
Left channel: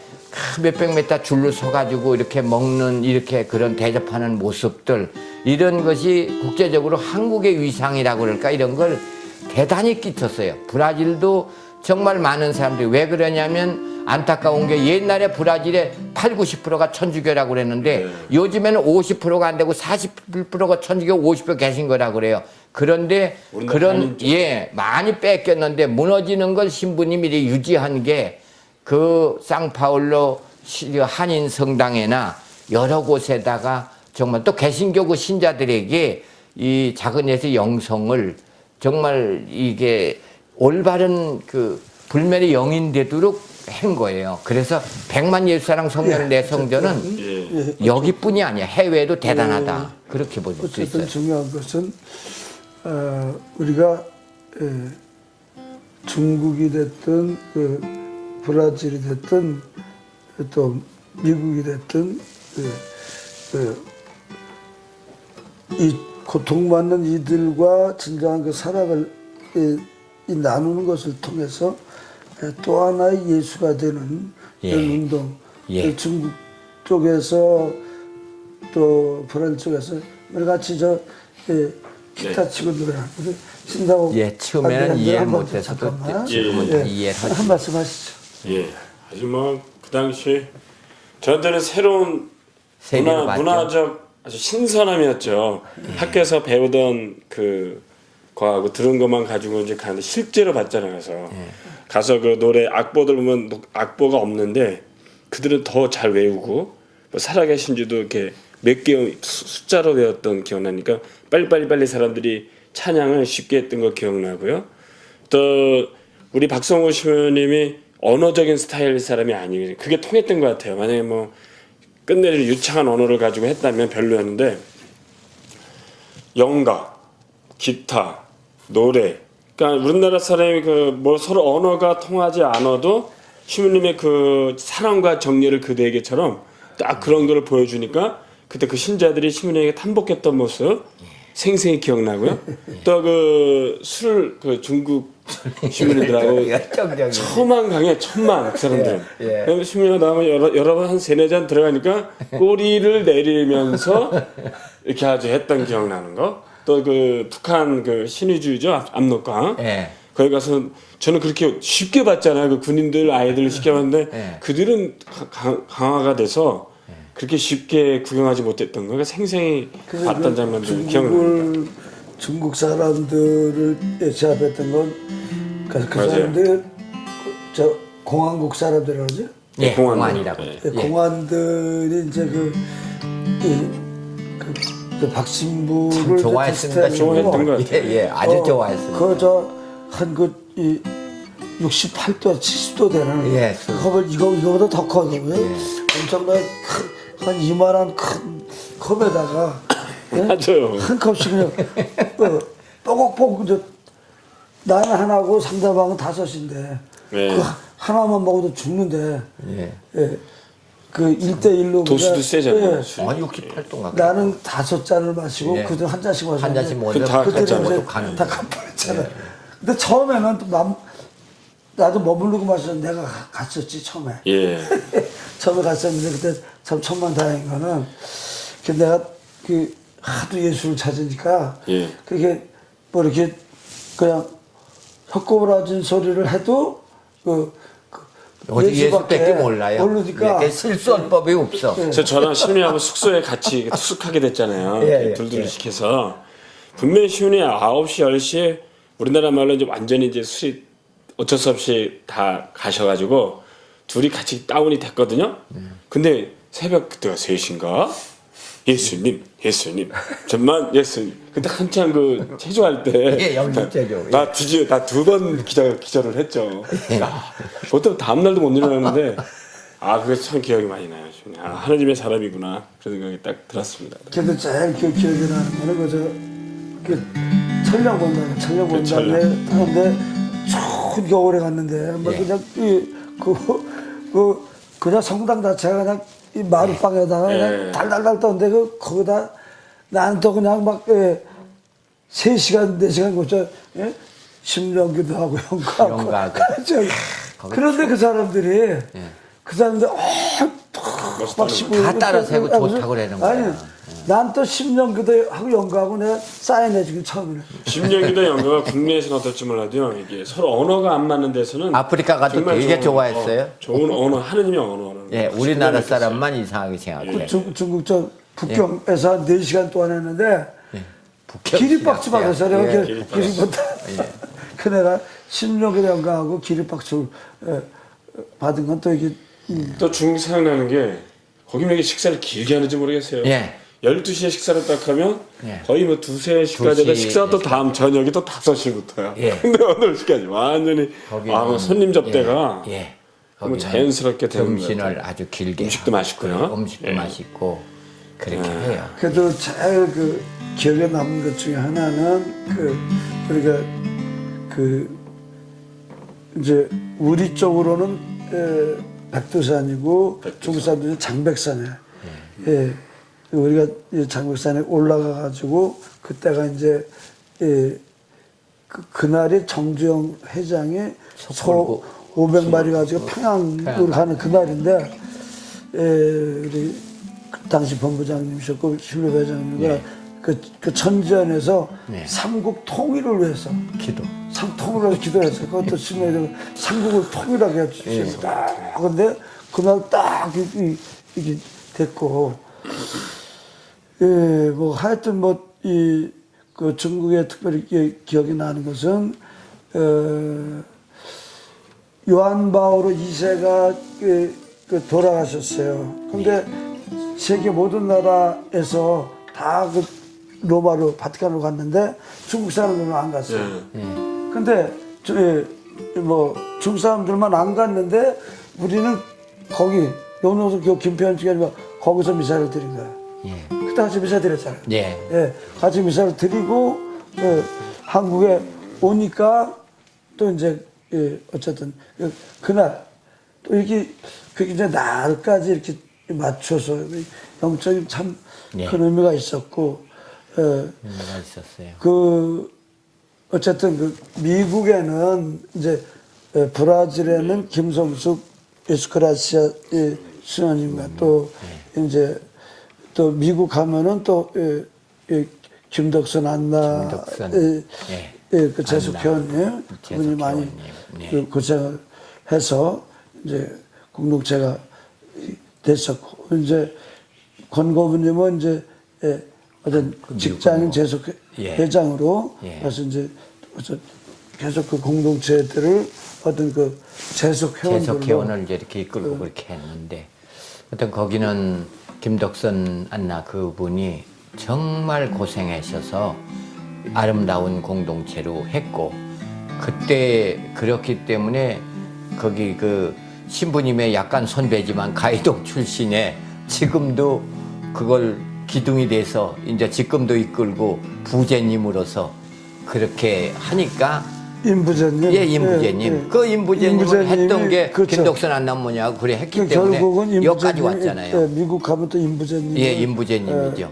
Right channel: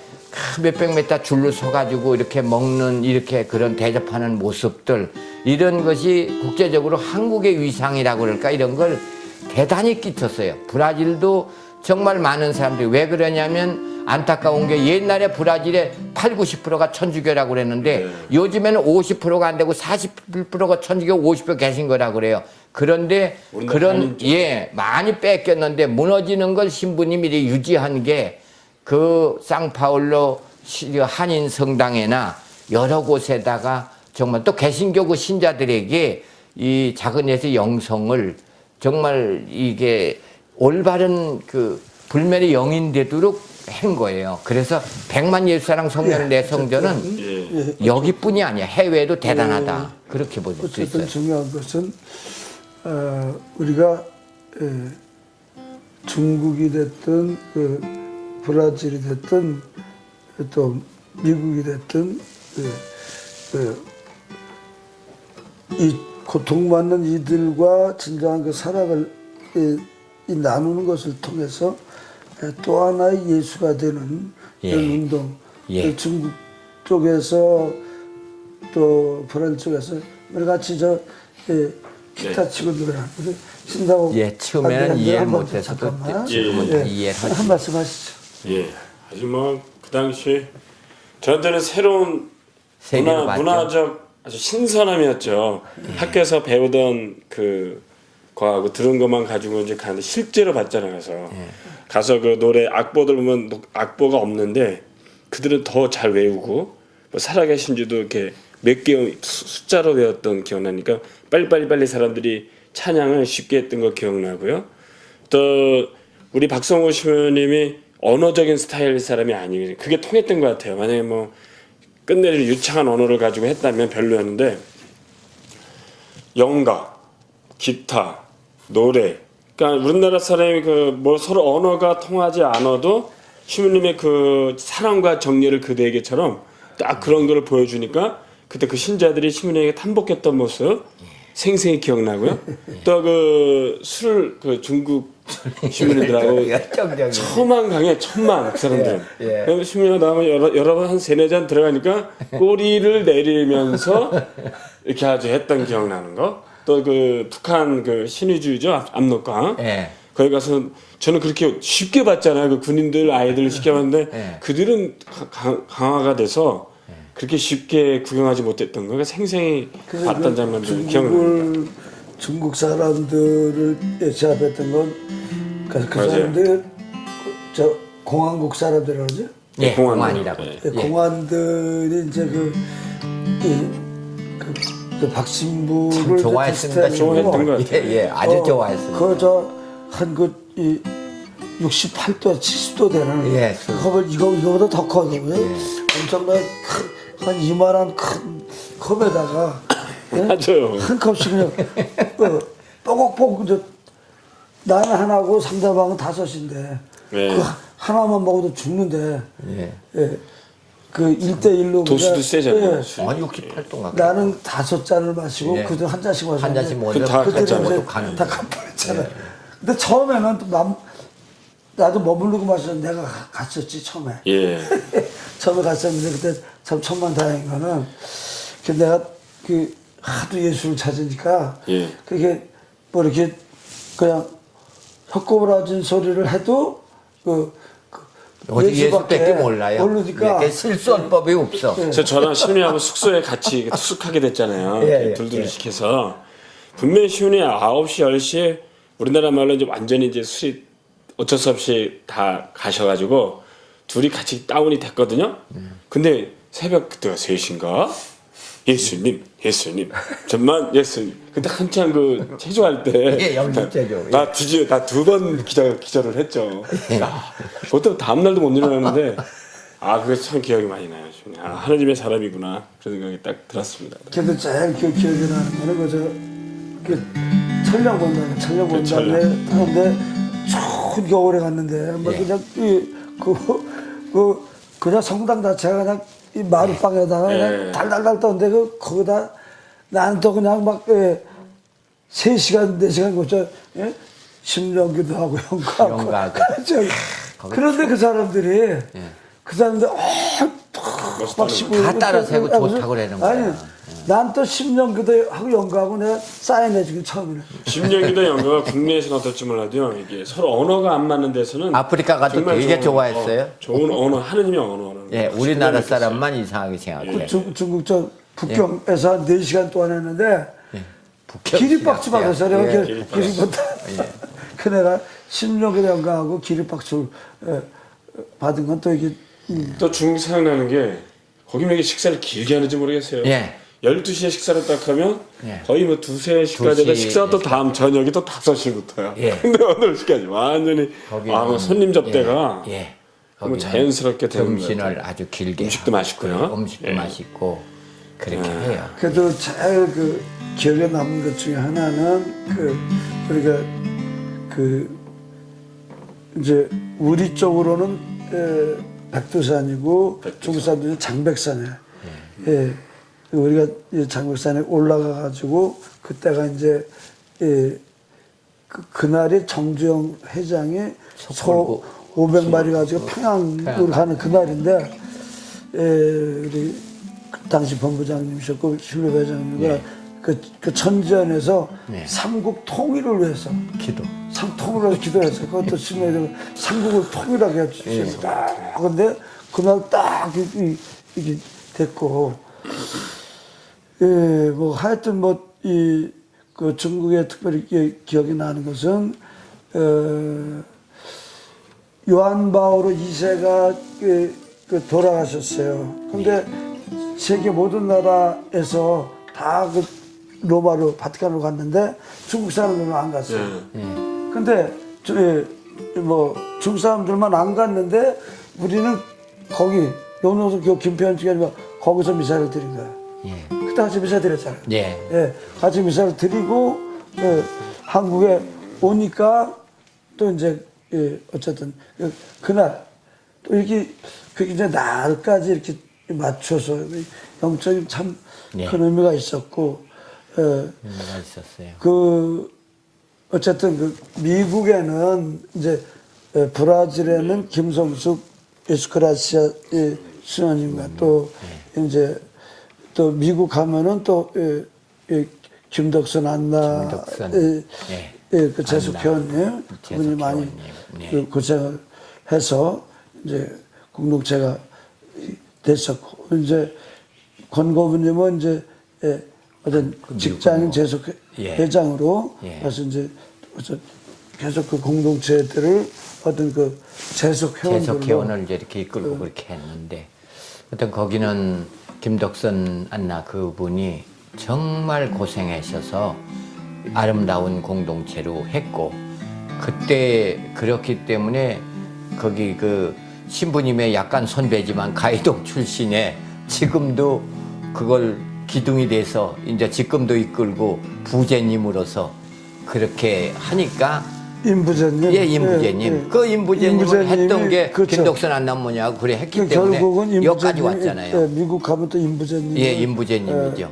몇백 메타 줄로 서가지고 이렇게 먹는 이렇게 그런 대접하는 모습들 이런 것이 국제적으로 한국의 위상이라고 그럴까 이런 걸 대단히 끼쳤어요. 브라질도 정말 많은 사람들이 왜 그러냐면 안타까운 게 옛날에 브라질의 8, 90%가 천주교라고 그랬는데 요즘에는 50%가 안 되고 40%가 천주교 50% 계신 거라고 그래요. 그런데 그런 많이 뺏겼는데 무너지는 걸 신부님이 유지한 게 그 상파울로 한인 성당에나 여러 곳에다가 정말 또 개신교 그 신자들에게 이 작은 예수의 영성을 정말 이게 올바른 그 불멸의 영인 되도록 한 거예요. 그래서 100만 예수사랑 성령 내 성전은 예. 여기뿐이 아니야. 해외도 대단하다. 그렇게 볼 수 어쨌든 있어요. 중요한 것은 우리가 중국이 됐든 브라질이 됐든 또 미국이 됐든 이 고통받는 이들과 진정한 그 사랑을 이 나누는 것을 통해서 또 하나의 예수가 되는 예. 그런 운동. 예. 중국 쪽에서 또 브라질 쪽에서 우리 같이 기타 치고 노래하는데 신다고 예, 처음에는 이해를 못해서도 지금은 다 이해를 하시죠. 한 말씀 하시죠. 예. 아주 뭐 그 당시에 저한테는 새로운 세계로 봤죠. 문화적 아주 신선함이었죠. 학교에서 배우던 거하고 들은 것만 가지고 이제 가는데 실제로 봤잖아요. 그래서 가서 그 노래 악보들 보면 악보가 없는데 그들은 더 잘 외우고 뭐 살아계신지도 이렇게 몇 개 숫자로 외웠던 기억나니까 빨리 사람들이 찬양을 쉽게 했던 거 기억나고요. 또 우리 박성호 시모님이 언어적인 스타일의 사람이 아니에요. 그게 통했던 것 같아요. 만약에 뭐 끝내줄 유창한 언어를 가지고 했다면 별로였는데 영가, 기타, 노래. 그러니까 우리나라 사람이 뭐 서로 언어가 통하지 않아도 시모님의 그 사랑과 정리를 그대에게처럼 딱 그런 걸 보여주니까 그때 그 신자들이 시모님에게 탄복했던 모습 생생히 기억나고요. 또 그 중국 시민들하고 열정적이네. 천만 강에 천만 그 사람들은. 예. 시민이 나오면 여러 번 한 3-4잔 들어가니까 꼬리를 내리면서 이렇게 아주 했던 기억나는 거. 또 그 북한 그 신의주의죠 압록강. 예. 거기 가서 저는 그렇게 쉽게 봤잖아요. 그 군인들 아이들 쉽게 봤는데 그들은 강화가 돼서 그렇게 쉽게 구경하지 못했던 거가 생생히 봤던 장면들 기억나요. 중국 사람들을 제압했던 건 그 맞아요. 사람들 저 공안국 사람들이라고 그러죠? 예, 공안. 공안이라고. 예. 예. 공안들이 이제 그 박신부를 좋아했습니다. 좋아했던 것 같아요. 예, 아주 좋아했습니다. 그저한 68도, 70도 되는 예, 컵을 이거보다 더 커요. 엄청난 한 이만한 큰 컵에다가 맞아요. 한 컵씩 그냥 뽀곡뽀곡 나는 하나고 상대방은 5인데 네. 그 하나만 먹어도 죽는데 예. 그 1대1로 도수도 세잖아요. 68도가. 나는 5잔을 마시고 예. 그들 한 잔씩 마시고 한 잔씩 먹어도 다 그때는 갔잖아요. 이제 가는 다 갚았잖아요. 근데 처음에는 또 나도 머무르고 마셨는데 내가 갔었지 처음에. 예. 처음에 갔었는데 그때 참 천만다행인 거는 내가 하도 예수를 찾으니까 예. 그게 뭐 이렇게 그냥 헛구부라진 소리를 해도 어디 예수밖에 예수밖에 몰라요. 모르니까 예, 실수할 법이 없어. 그래서 저랑 시민하고 숙소에 같이 투숙하게 됐잖아요. 예, 예, 둘둘 시켜서 분명히 시민이 9시, 10시에 우리나라 말로 이제 완전히 이제 술이 어쩔 수 없이 다 가셔가지고 둘이 같이 다운이 됐거든요. 근데 새벽 그때가 3시인가? 예수님, 정말 예수님. 그때 한창 체조할 때. 예, 연극 체조. 나 2번 기절을 했죠. 보통 다음날도 못 일어나는데, 그게 참 기억이 많이 나요. 하나님의 사람이구나. 그런 생각이 딱 들었습니다. 걔도 제일 기억이 나는 거는 천령본당에 하는데 추운 겨울에 갔는데 뭐 그냥 그냥 성당 자체가 그냥 이 마룻방에다가 그냥 달달달 떠는데 거기다 나는 또 그냥 막 3시간 4시간 고쳐 심령기도 하고 연가하고 그런데 그 사람들이 막 다 따라 세고 좋다고 그러는 거야. 아니 난 또 심령기도 하고 연가하고 내가 쌓여내 지금 처음이네. 심령기도 연가가 국내에서는 어떨지 몰라도요. 이게 서로 언어가 안 맞는 데서는 아프리카 가도 정말 되게 좋은, 좋아했어요. 좋은 언어, 하느님의 언어라는 예, 거. 우리나라 사람만 이상하게 생각해요. 중국 저 북경에서 한 4시간 동안 했는데 북경 기립박수 받아서 내가 예, 기립박수 그 내가 심령기도 연가하고 기립박수 받은 건 또 이게 또 중국 생각나는 게 거기 왜 이렇게 식사를 길게 하는지 모르겠어요. 예. 12시에 식사를 딱 하면 거의 뭐 2-3시까지 되다 2시, 식사가 또 다음 저녁이 또 5시부터요. 예. 근데 오늘 시까지 완전히 거기는, 손님 접대가 예. 그러면 자연스럽게 되는 것 점심을 같아요. 아주 길게 음식도 맛있고요. 음식도 예. 맛있고 그렇게 해요. 그래도 제일 그 기억에 남는 것 중에 하나는 그 우리가 그 이제 우리 쪽으로는 백두산이고 중국 사람들은 장백산이에요. 예. 우리가 이 장백산에 올라가 가지고 그때가 이제 그날이 정주영 회장이 소 500마리 가지고 평양으로 가는 그날인데 우리 그 당시 본부장님이셨고 실로 회장님과 그 천지연에서 삼국 통일을 위해서 기도. 통일을 위해서 기도했어요. 그것도 신뢰되고 삼국을 통일하게 해주셨어요. 그런데 그날 딱 이게 됐고 뭐 하여튼 그 중국에 특별히 기억이 나는 것은 요한 바오로 2세가 그 돌아가셨어요. 근데 세계 모든 나라에서 다 그 로마로 바티칸으로 갔는데 중국 사람들은 안 갔어요. 근데 뭐 중국 사람들만 안 갔는데 우리는 거기 용동성 김평현 아니면 거기서 미사를 드린 거예요. 그때 같이 미사 드렸잖아요. 예. 같이 미사를 드리고 한국에 오니까 또 이제 어쨌든 그날 또 이렇게 이제 날까지 이렇게 맞춰서 영적인 참 큰 의미가 있었고 의미가 있었어요. 그 어쨌든 그 미국에는 이제 브라질에는 김성숙 에스크라시아 신원님과 또 이제 또 미국 가면은 또 김덕선 안나 김덕선. 그 재숙회원님 그분이 많이 그 고생을 해서 이제 공동체가 됐었고 이제 권고부님은 이제 어떤 직장인 재숙 회장으로 그래서 이제 계속 그 공동체들을 어떤 그 재숙 회원을 이제 이렇게 이끌고 그렇게 했는데 어떤 거기는 김덕선 안나 그분이 정말 고생하셔서 아름다운 공동체로 했고 그때 그렇기 때문에 거기 그 신부님의 약간 선배지만 가이동 출신에 지금도 그걸 기둥이 돼서 이제 지금도 이끌고 부제님으로서 그렇게 하니까 임부제님 임부제님 그 임부제님을 했던 게 그렇죠. 김덕선 안남모냐고 그래 했기 때문에 결국은 여기까지 왔잖아요. 미국 가면 또 임부제님 임부제님이죠.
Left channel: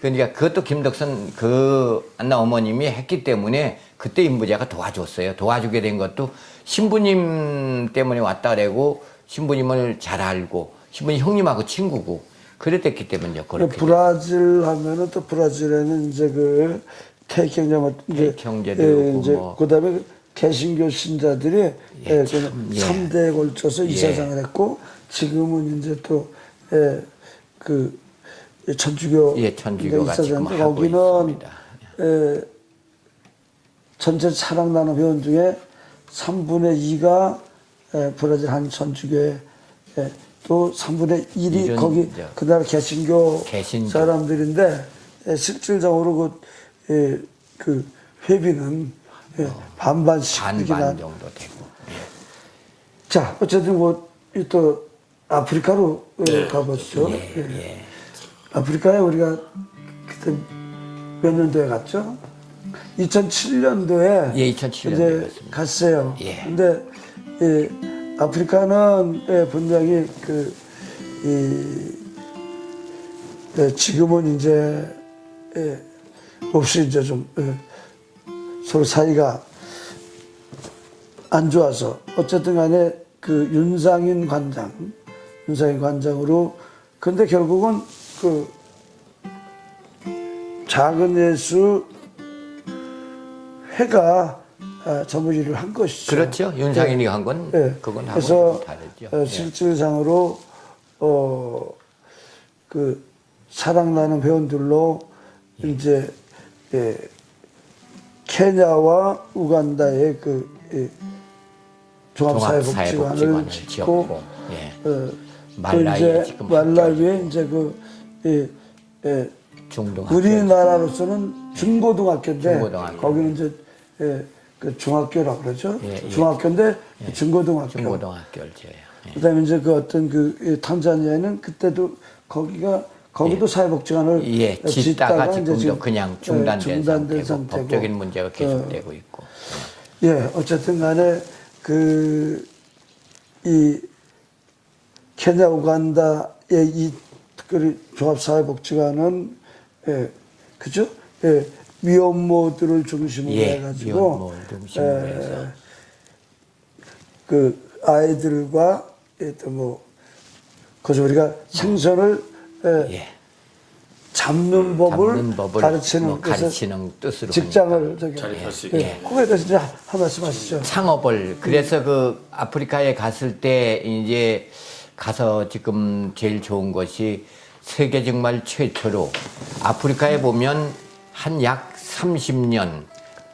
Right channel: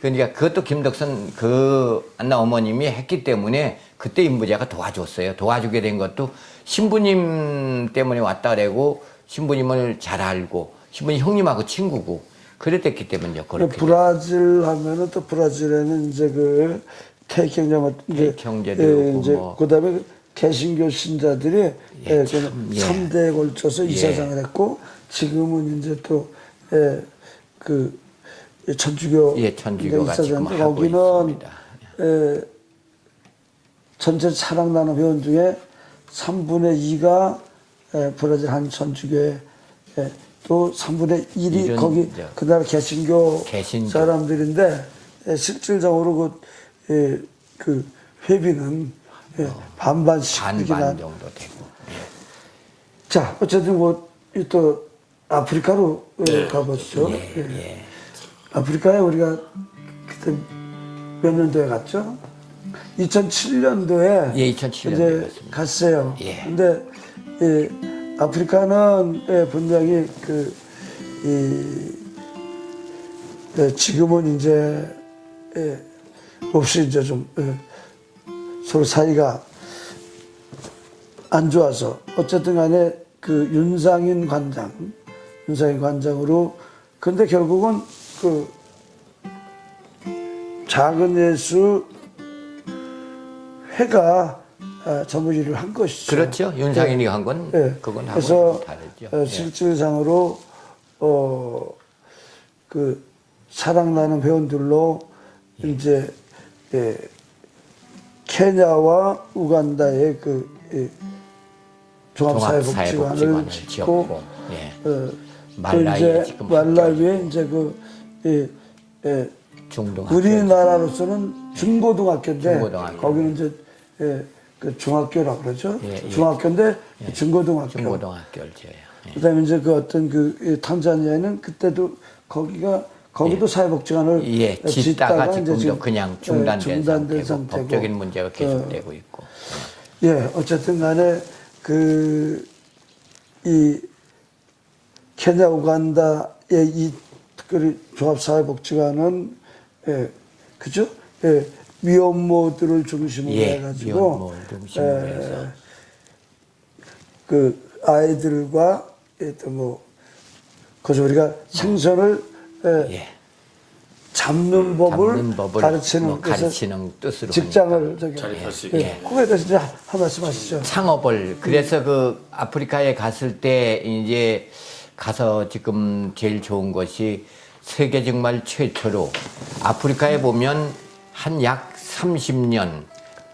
그러니까 그것도 김덕선 그 안나 어머님이 했기 때문에 그때 임부제가 도와줬어요. 도와주게 된 것도 신부님 때문에 왔다 그러고 신부님을 잘 알고 신부님 형님하고 친구고 그랬기 때문에 그렇게. 브라질 하면은 또 브라질에는 이제 그 태경제 태경제도 이제 뭐. 그다음에 그 개신교 신자들이 3대에 걸쳐서 이사장을 했고 지금은 이제 또 그 천주교 천주교가 지금 하고 거기는 있습니다. 전체 사랑나는 회원 중에 3분의 2가 브라질 한 천주교에 또 3분의 1이 거기 그 나라 개신교 사람들인데 실질적으로 그 회비는 반반씩이나 반반 정도 되고. 자 어쨌든 또 아프리카로 가보시죠. 아프리카에 우리가 그때 몇 년도에 갔죠? 2007년도에 2007년도에 이제 갔어요. 근데 아프리카는 분명히 지금은 이제 없이 이제 좀 서로 사이가 안 좋아서 어쨌든 간에 그 윤상인 관장으로 근데 결국은 그 작은 예수 회가 전부 일을 한 것이죠. 그렇죠. 윤상인이 한 건 그건 그래서 다르죠. 실질상으로 그 사랑나는 회원들로 이제 케냐와 우간다의 그 종합사회복지관을 짓고 말라위에 이제 중등학교. 우리나라로서는 중고등학교인데 중고등학교. 거기는 이제 그 중학교라고 그러죠. 예, 예. 중학교인데 중고등학교. 중고등학교를 지어요. 예. 그다음에 이제 그 어떤 그 탄자니아는 그때도 거기도 사회복지관을 예, 짓다가 이제 지금도 그냥 중단된 상태고 상태고. 법적인 문제가 계속되고 있고. 예, 어쨌든 간에 이 케냐 우간다의 이 특별히 종합사회복지관은 그죠? 미혼모들을 중심으로 해가지고 미혼모를 중심으로 해서 그 아이들과 또 그래서 우리가 생선을 잡는 법을 가르치는 가르치는 뜻으로 직장을 자립할 수 있게. 그거에 대해서 이제 한 말씀 하시죠. 창업을 그래서 그 아프리카에 갔을 때 이제 가서 지금 제일 좋은 것이 세계 정말 최초로 아프리카에 보면 한 약 30년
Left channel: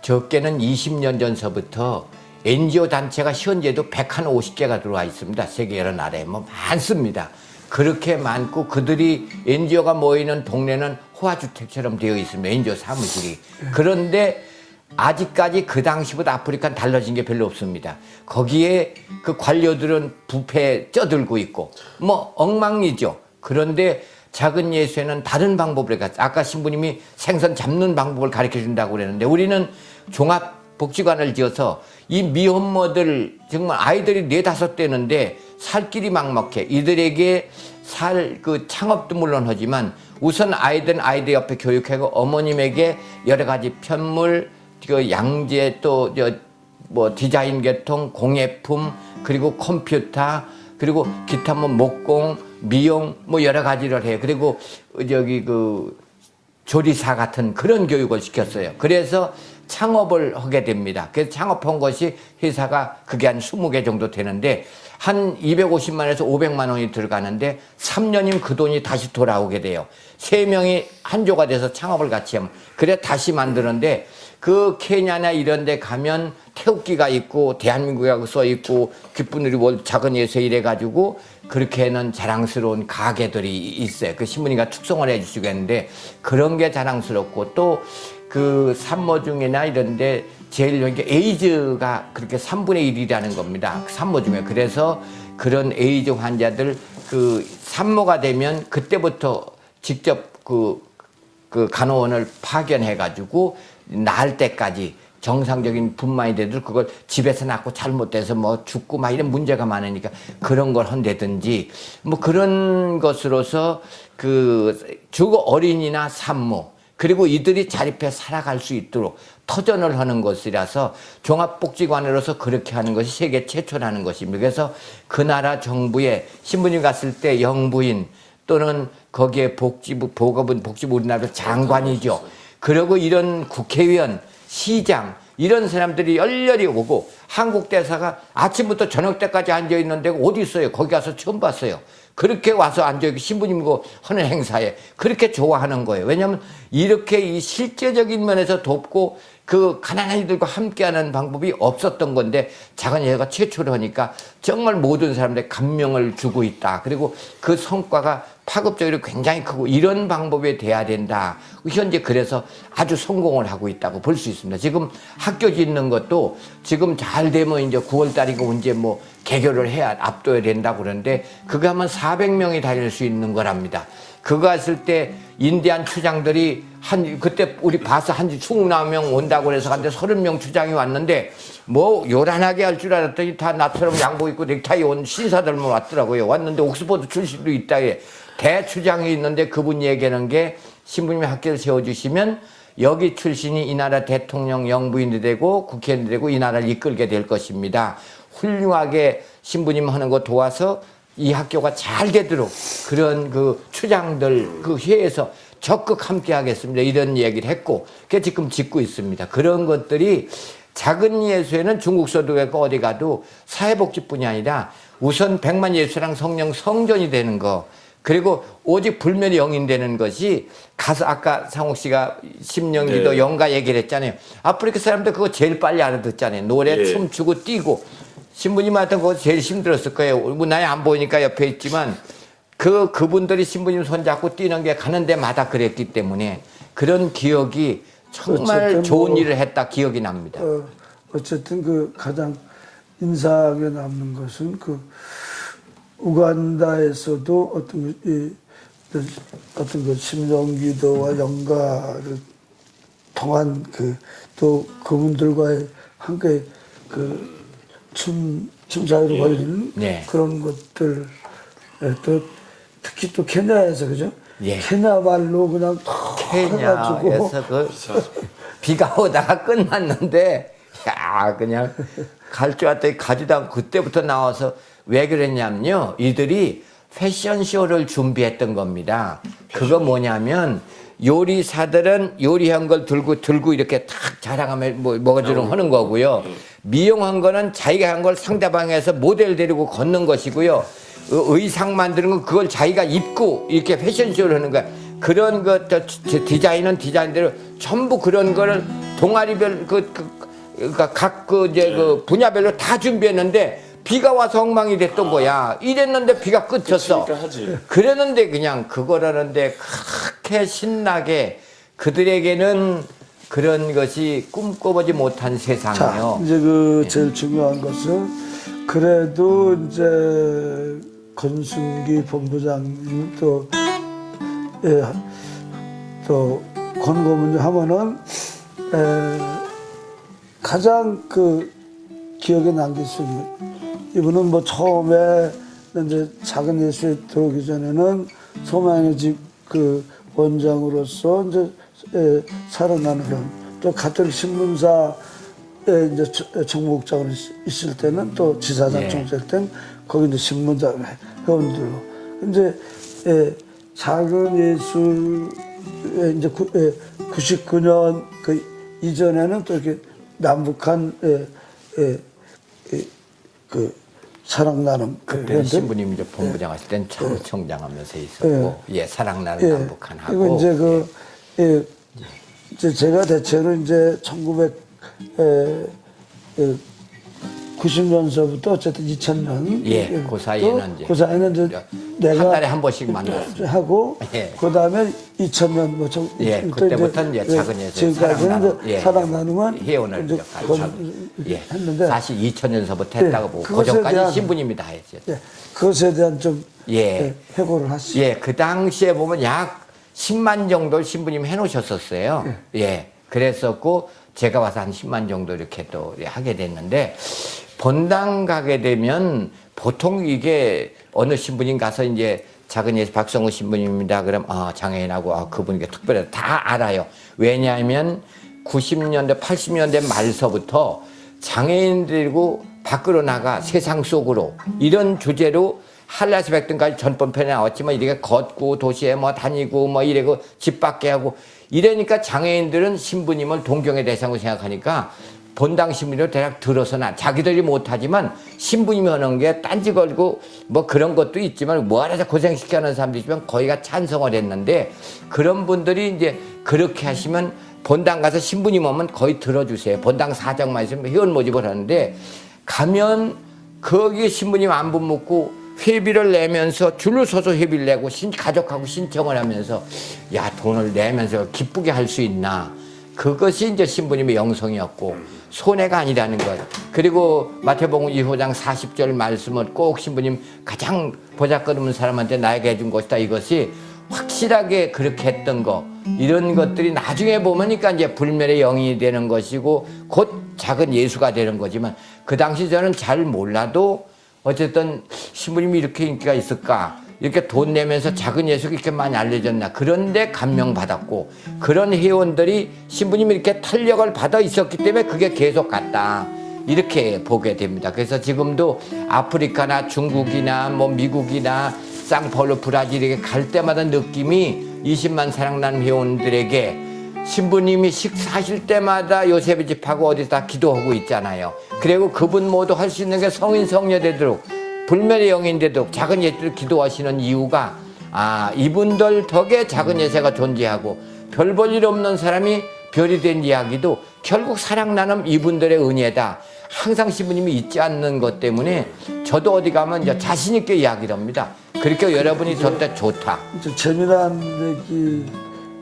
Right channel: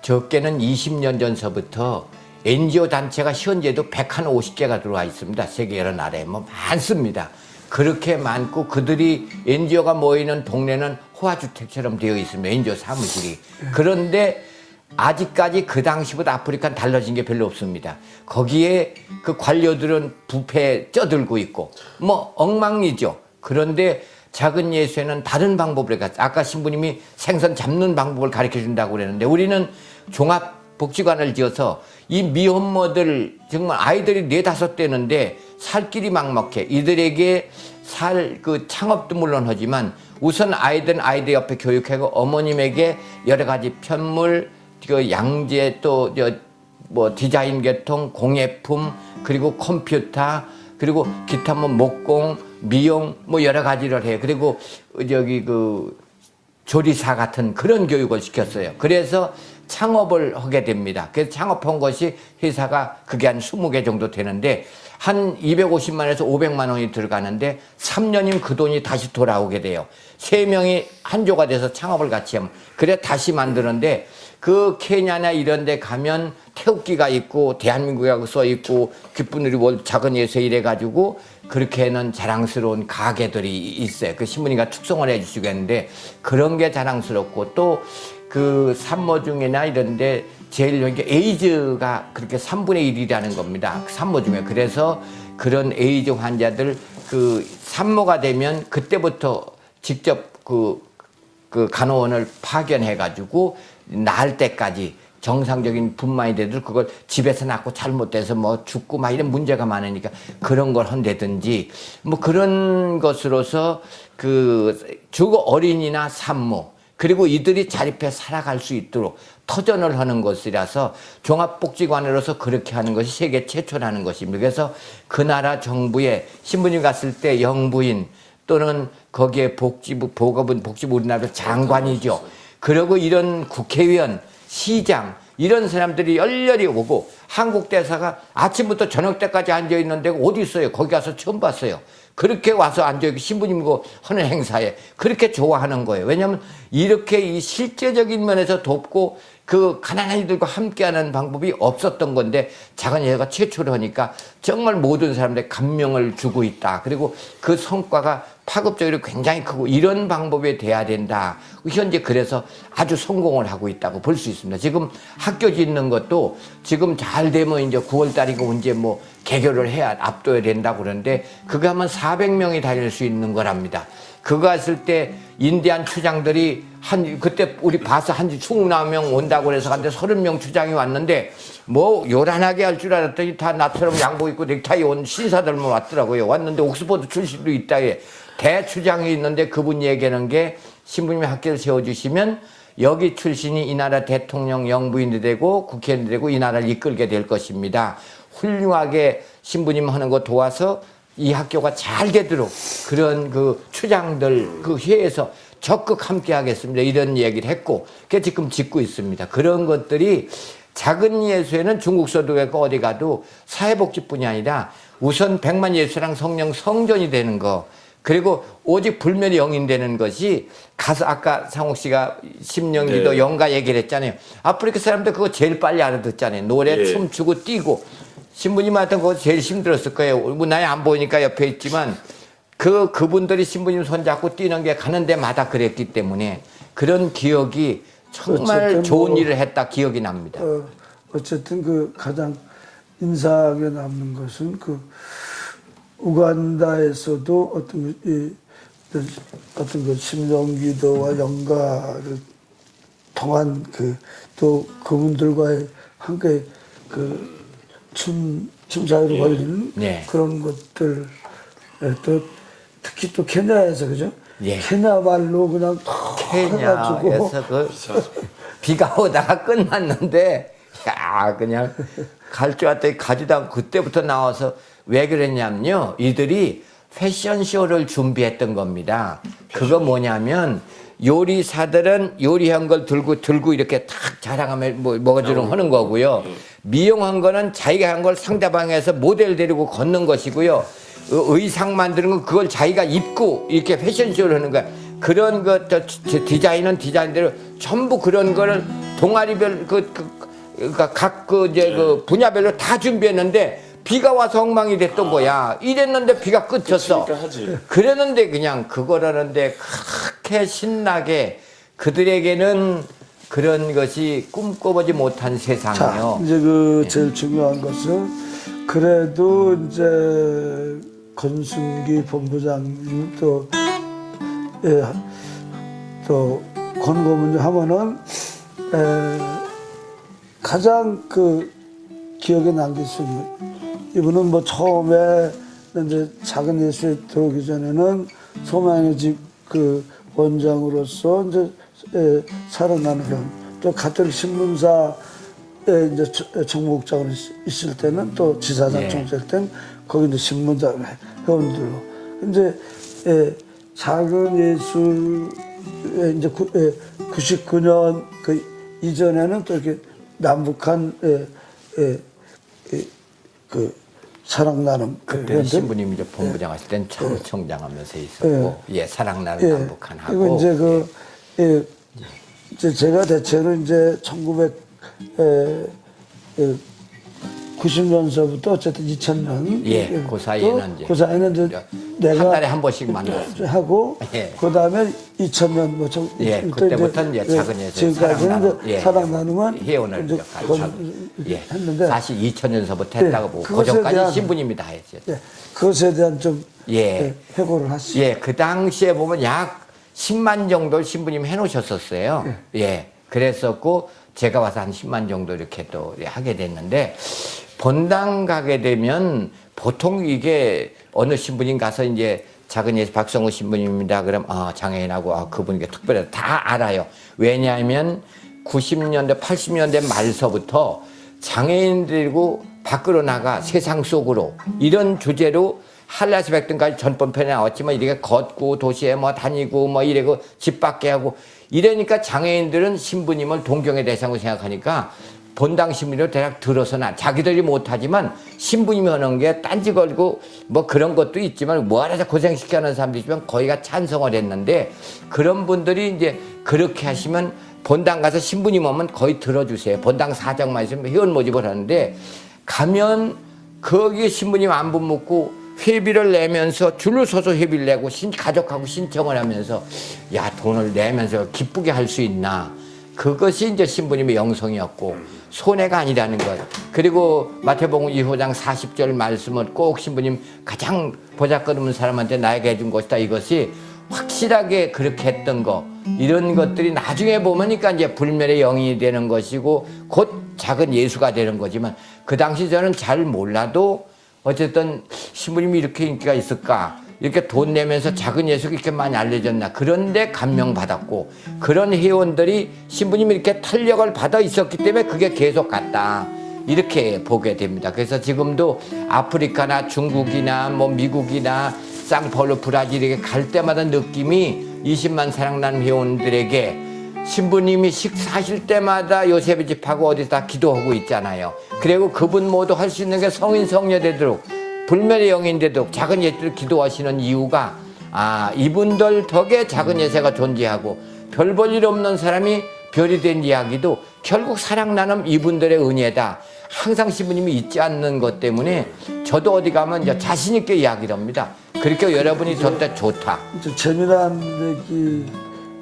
적게는 20년 전서부터 NGO 단체가 현재도 150개가 들어와 있습니다. 세계 여러 나라에 많습니다. 그렇게 많고 그들이 NGO가 모이는 동네는 호화주택처럼 되어 있습니다. NGO 사무실이. 그런데 아직까지 그 당시보다 아프리카는 달라진 게 별로 없습니다. 거기에 그 관료들은 부패에 쪄들고 있고 엉망이죠. 그런데 작은 예수에는 다른 방법을 가르쳐. 아까 신부님이 생선 잡는 방법을 가르쳐 준다고 그랬는데 우리는 종합복지관을 지어서 이 미혼모들 정말 아이들이 4-5 되는데 살 길이 막막해. 이들에게 그 창업도 물론 하지만 우선 아이들 옆에 교육하고 어머님에게 여러 가지 편물, 그 양재 또 디자인 계통, 공예품 그리고 컴퓨터 그리고 기타 목공, 미용 여러 가지를 해요. 그리고 그 조리사 같은 그런 교육을 시켰어요. 그래서 창업을 하게 됩니다. 그래서 창업한 것이 회사가 그게 한 20개 정도 되는데 한 250만에서 500만 원이 들어가는데 3년이면 그 돈이 다시 돌아오게 돼요. 3명이 한조가 돼서 창업을 같이 하면 그래 다시 만드는데 그 케냐나 이런 데 가면 태극기가 있고 대한민국이라고 써 있고 귓분들이 작은 예수 이래가지고 그렇게는 자랑스러운 가게들이 있어요. 그 신부님과 축성을 해주시고 했는데 그런 게 자랑스럽고 또 그 산모 중이나 이런데 제일 여기 에이즈가 그렇게 3분의 1이라는 겁니다. 산모 중에. 그래서 그런 에이즈 환자들 그 산모가 되면 그때부터 직접 그 간호원을 파견해가지고 나을 때까지 정상적인 분만이 돼도 그걸 집에서 낳고 잘못돼서 죽고 이런 문제가 많으니까 그런 걸 한다든지 그런 것으로서 그 주거 어린이나 산모 그리고 이들이 자립해 살아갈 수 있도록 터전을 하는 것이라서 종합복지관으로서 그렇게 하는 것이 세계 최초라는 것입니다. 그래서 그 나라 정부에 신부님 갔을 때 영부인 또는 거기에 복지부 우리나라 장관이죠. 그리고 이런 국회의원, 시장 이런 사람들이 열렬히 오고 한국 대사가 아침부터 저녁 때까지 앉아 있는 데가 어디 있어요? 거기 가서 처음 봤어요. 그렇게 와서 앉아있고 신부님이고 하는 행사에 그렇게 좋아하는 거예요. 왜냐하면 이렇게 이 실제적인 면에서 돕고 그 가난한 이들과 함께하는 방법이 없었던 건데 작은 예가 최초로 하니까 정말 모든 사람들의 감명을 주고 있다. 그리고 그 성과가 파급적으로 굉장히 크고 이런 방법에 돼야 된다. 현재 그래서 아주 성공을 하고 있다고 볼 수 있습니다. 지금 학교 짓는 것도 지금 잘 되면 이제 9월 달이고 이제 개교를 해야 압도해야 된다고 그러는데 그거 하면 400명이 다닐 수 있는 거랍니다. 그거 했을 때 인디안 추장들이 그때 우리 봐서 한 20명 온다고 그래서 한데 30명 추장이 왔는데 요란하게 할 줄 알았더니 다 나처럼 양복 입고 넥타이 온 신사들만 왔더라고요. 왔는데 옥스퍼드 출신도 있다 해. 대추장이 있는데 그분 얘기하는 게 신부님이 학교를 세워주시면 여기 출신이 이 나라 대통령 영부인이 되고 국회의원이 되고 이 나라를 이끌게 될 것입니다. 훌륭하게 신부님 하는 거 도와서 이 학교가 잘 되도록 그런 그 추장들 그 회에서 적극 함께 하겠습니다. 이런 얘기를 했고 그게 지금 짓고 있습니다. 그런 것들이 작은 예수에는 중국 소득회가 어디 가도 사회복지뿐이 아니라 우선 100만 예수랑 성령 성전이 되는 거 그리고 오직 불멸이 영인되는 것이 가서 아까 상욱 씨가 심령기도 영가 얘기를 했잖아요. 아프리카 사람들 그거 제일 빨리 알아듣잖아요. 노래 춤추고 뛰고 신부님한테 그거 제일 힘들었을 거예요. 나이 안 보이니까 옆에 있지만 그분들이 신부님 손잡고 뛰는 게 가는 데마다 그랬기 때문에 그런 기억이 정말 좋은 일을 했다 기억이 납니다. 어쨌든 그 가장 인상에 남는 것은 그 우간다에서도 어떤 그 심령기도와 영가를 통한 또 그분들과의 함께 춤 사이로 걸리는 네. 그런 것들 또 특히 또 케냐에서 그죠? 예. 케냐 말로 그냥 해가지고 케냐에서 그 비가 오다가 끝났는데 야 그냥 갈 줄 알았더니 가지도 않고 그때부터 나와서 왜 그랬냐면요 이들이 패션쇼를 준비했던 겁니다. 그거 뭐냐면 요리사들은 요리한 걸 들고 이렇게 탁 자랑하며 뭐가지롱 하는 거고요. 미용한 거는 자기가 한 걸 상대방에서 모델 데리고 걷는 것이고요. 의상 만드는 건 그걸 자기가 입고 이렇게 패션쇼를 하는 거야. 그런 것 디자인은 디자인대로 전부 그런 거를 동아리별 그러니까 각 분야별로 다 준비했는데 비가 와서 엉망이 됐던 거야. 이랬는데 비가 끝쳤어. 하지. 그랬는데 그냥 그걸 하는데 그렇게 신나게 그들에게는 그런 것이 꿈꿔보지 못한 세상이요. 자, 이제 제일 중요한 것은 그래도 이제 권순기 본부장님 또 권고문을 하면은 가장 기억에 남길 수 있는 이분은 뭐 처음에 이제 작은 예수에 들어오기 전에는 소망의 집 원장으로서 이제 살아나는 형, 또 가톨릭 신문사에 이제 정목장으로 있을 때는 또 지사장 예. 총재일 때는 거기 이제 신문장 회원들로 이제 작은 예수에 이제 99년 이전에는 또 이렇게 남북한 사랑 나눔 그때는 신부님 이제 본부장 하실 땐 총장 하면서 있었고 사랑 나눔 남북한 하고 이거 이제 이제 제가 대체로 이제 1990년서부터 어쨌든 2000년 그 사이에는 그 사이에는 이제 내가 한 달에 한 번씩 만났어요. 하고 그다음에 2000년 뭐 그때부터는 이제 작은 예수 지금까지는 이제 사랑 나눔은 회원을 이제 했는데 사실 2000년서부터 했다고 보고 그 전까지 신부님이 다 했어요. 그것에 대한 좀 회고를 하시죠. 그 당시에 보면 약 10만 정도 신부님 해놓으셨었어요. 그랬었고 제가 와서 한 10만 정도 이렇게 또 하게 됐는데 본당 가게 되면 보통 이게 어느 신부님 가서 이제 작은 예수 박성우 신부님입니다. 그럼 장애인하고 그분께 특별히 다 알아요. 왜냐하면 90년대 80년대 말서부터 장애인 들고 밖으로 나가 세상 속으로 이런 주제로 한라스 백등까지 전번편에 나왔지만 이렇게 걷고 도시에 뭐 다니고 뭐 이래고 집 밖에 하고 이러니까 장애인들은 신부님을 동경의 대상으로 생각하니까 본당 신부님을 대략 들어서나 자기들이 못하지만 신부님이 하는 게 딴지 걸고 뭐 그런 것도 있지만 뭐하러 고생시켜 하는 사람도 있지만 거의가 찬성을 했는데 그런 분들이 이제 그렇게 하시면 본당 가서 신부님 오면 거의 들어주세요. 본당 사장만 있으면 회원 모집을 하는데 가면 거기 신부님 안부 묻고 회비를 내면서 줄을 서서 회비를 내고 가족하고 신청을 하면서 야 돈을 내면서 기쁘게 할 수 있나 그것이 이제 신부님의 영성이었고 손해가 아니라는 것. 그리고 마태복음 2호장 40절 말씀을 꼭 신부님 가장 보잘것없는 사람한테 나에게 해준 것이다. 이것이 확실하게 그렇게 했던 거 이런 것들이 나중에 보니까 이제 불멸의 영이 되는 것이고 곧 작은 예수가 되는 거지만 그 당시 저는 잘 몰라도 어쨌든 신부님이 이렇게 인기가 있을까 이렇게 돈 내면서 작은 예수가 이렇게 많이 알려졌나 그런데 감명받았고 그런 회원들이 신부님이 이렇게 탄력을 받아 있었기 때문에 그게 계속 갔다 이렇게 보게 됩니다. 그래서 지금도 아프리카나 중국이나 뭐 미국이나 상파울루 브라질에 갈 때마다 느낌이 20만 사랑나는 회원들에게 신부님이 식사하실 때마다 요셉의 집하고 어디다 기도하고 있잖아요. 그리고 그분 모두 할 수 있는 게 성인 성녀 되도록 불멸의 영인데도 작은 예수를 기도하시는 이유가 이분들 덕에 작은 예수가 존재하고 별 볼 일 없는 사람이 별이 된 이야기도 결국 사랑나는 이분들의 은혜다. 항상 신부님이 잊지 않는 것 때문에 저도 어디 가면 이제 자신 있게 이야기를 합니다. 그렇게 여러분이 저때 좋다.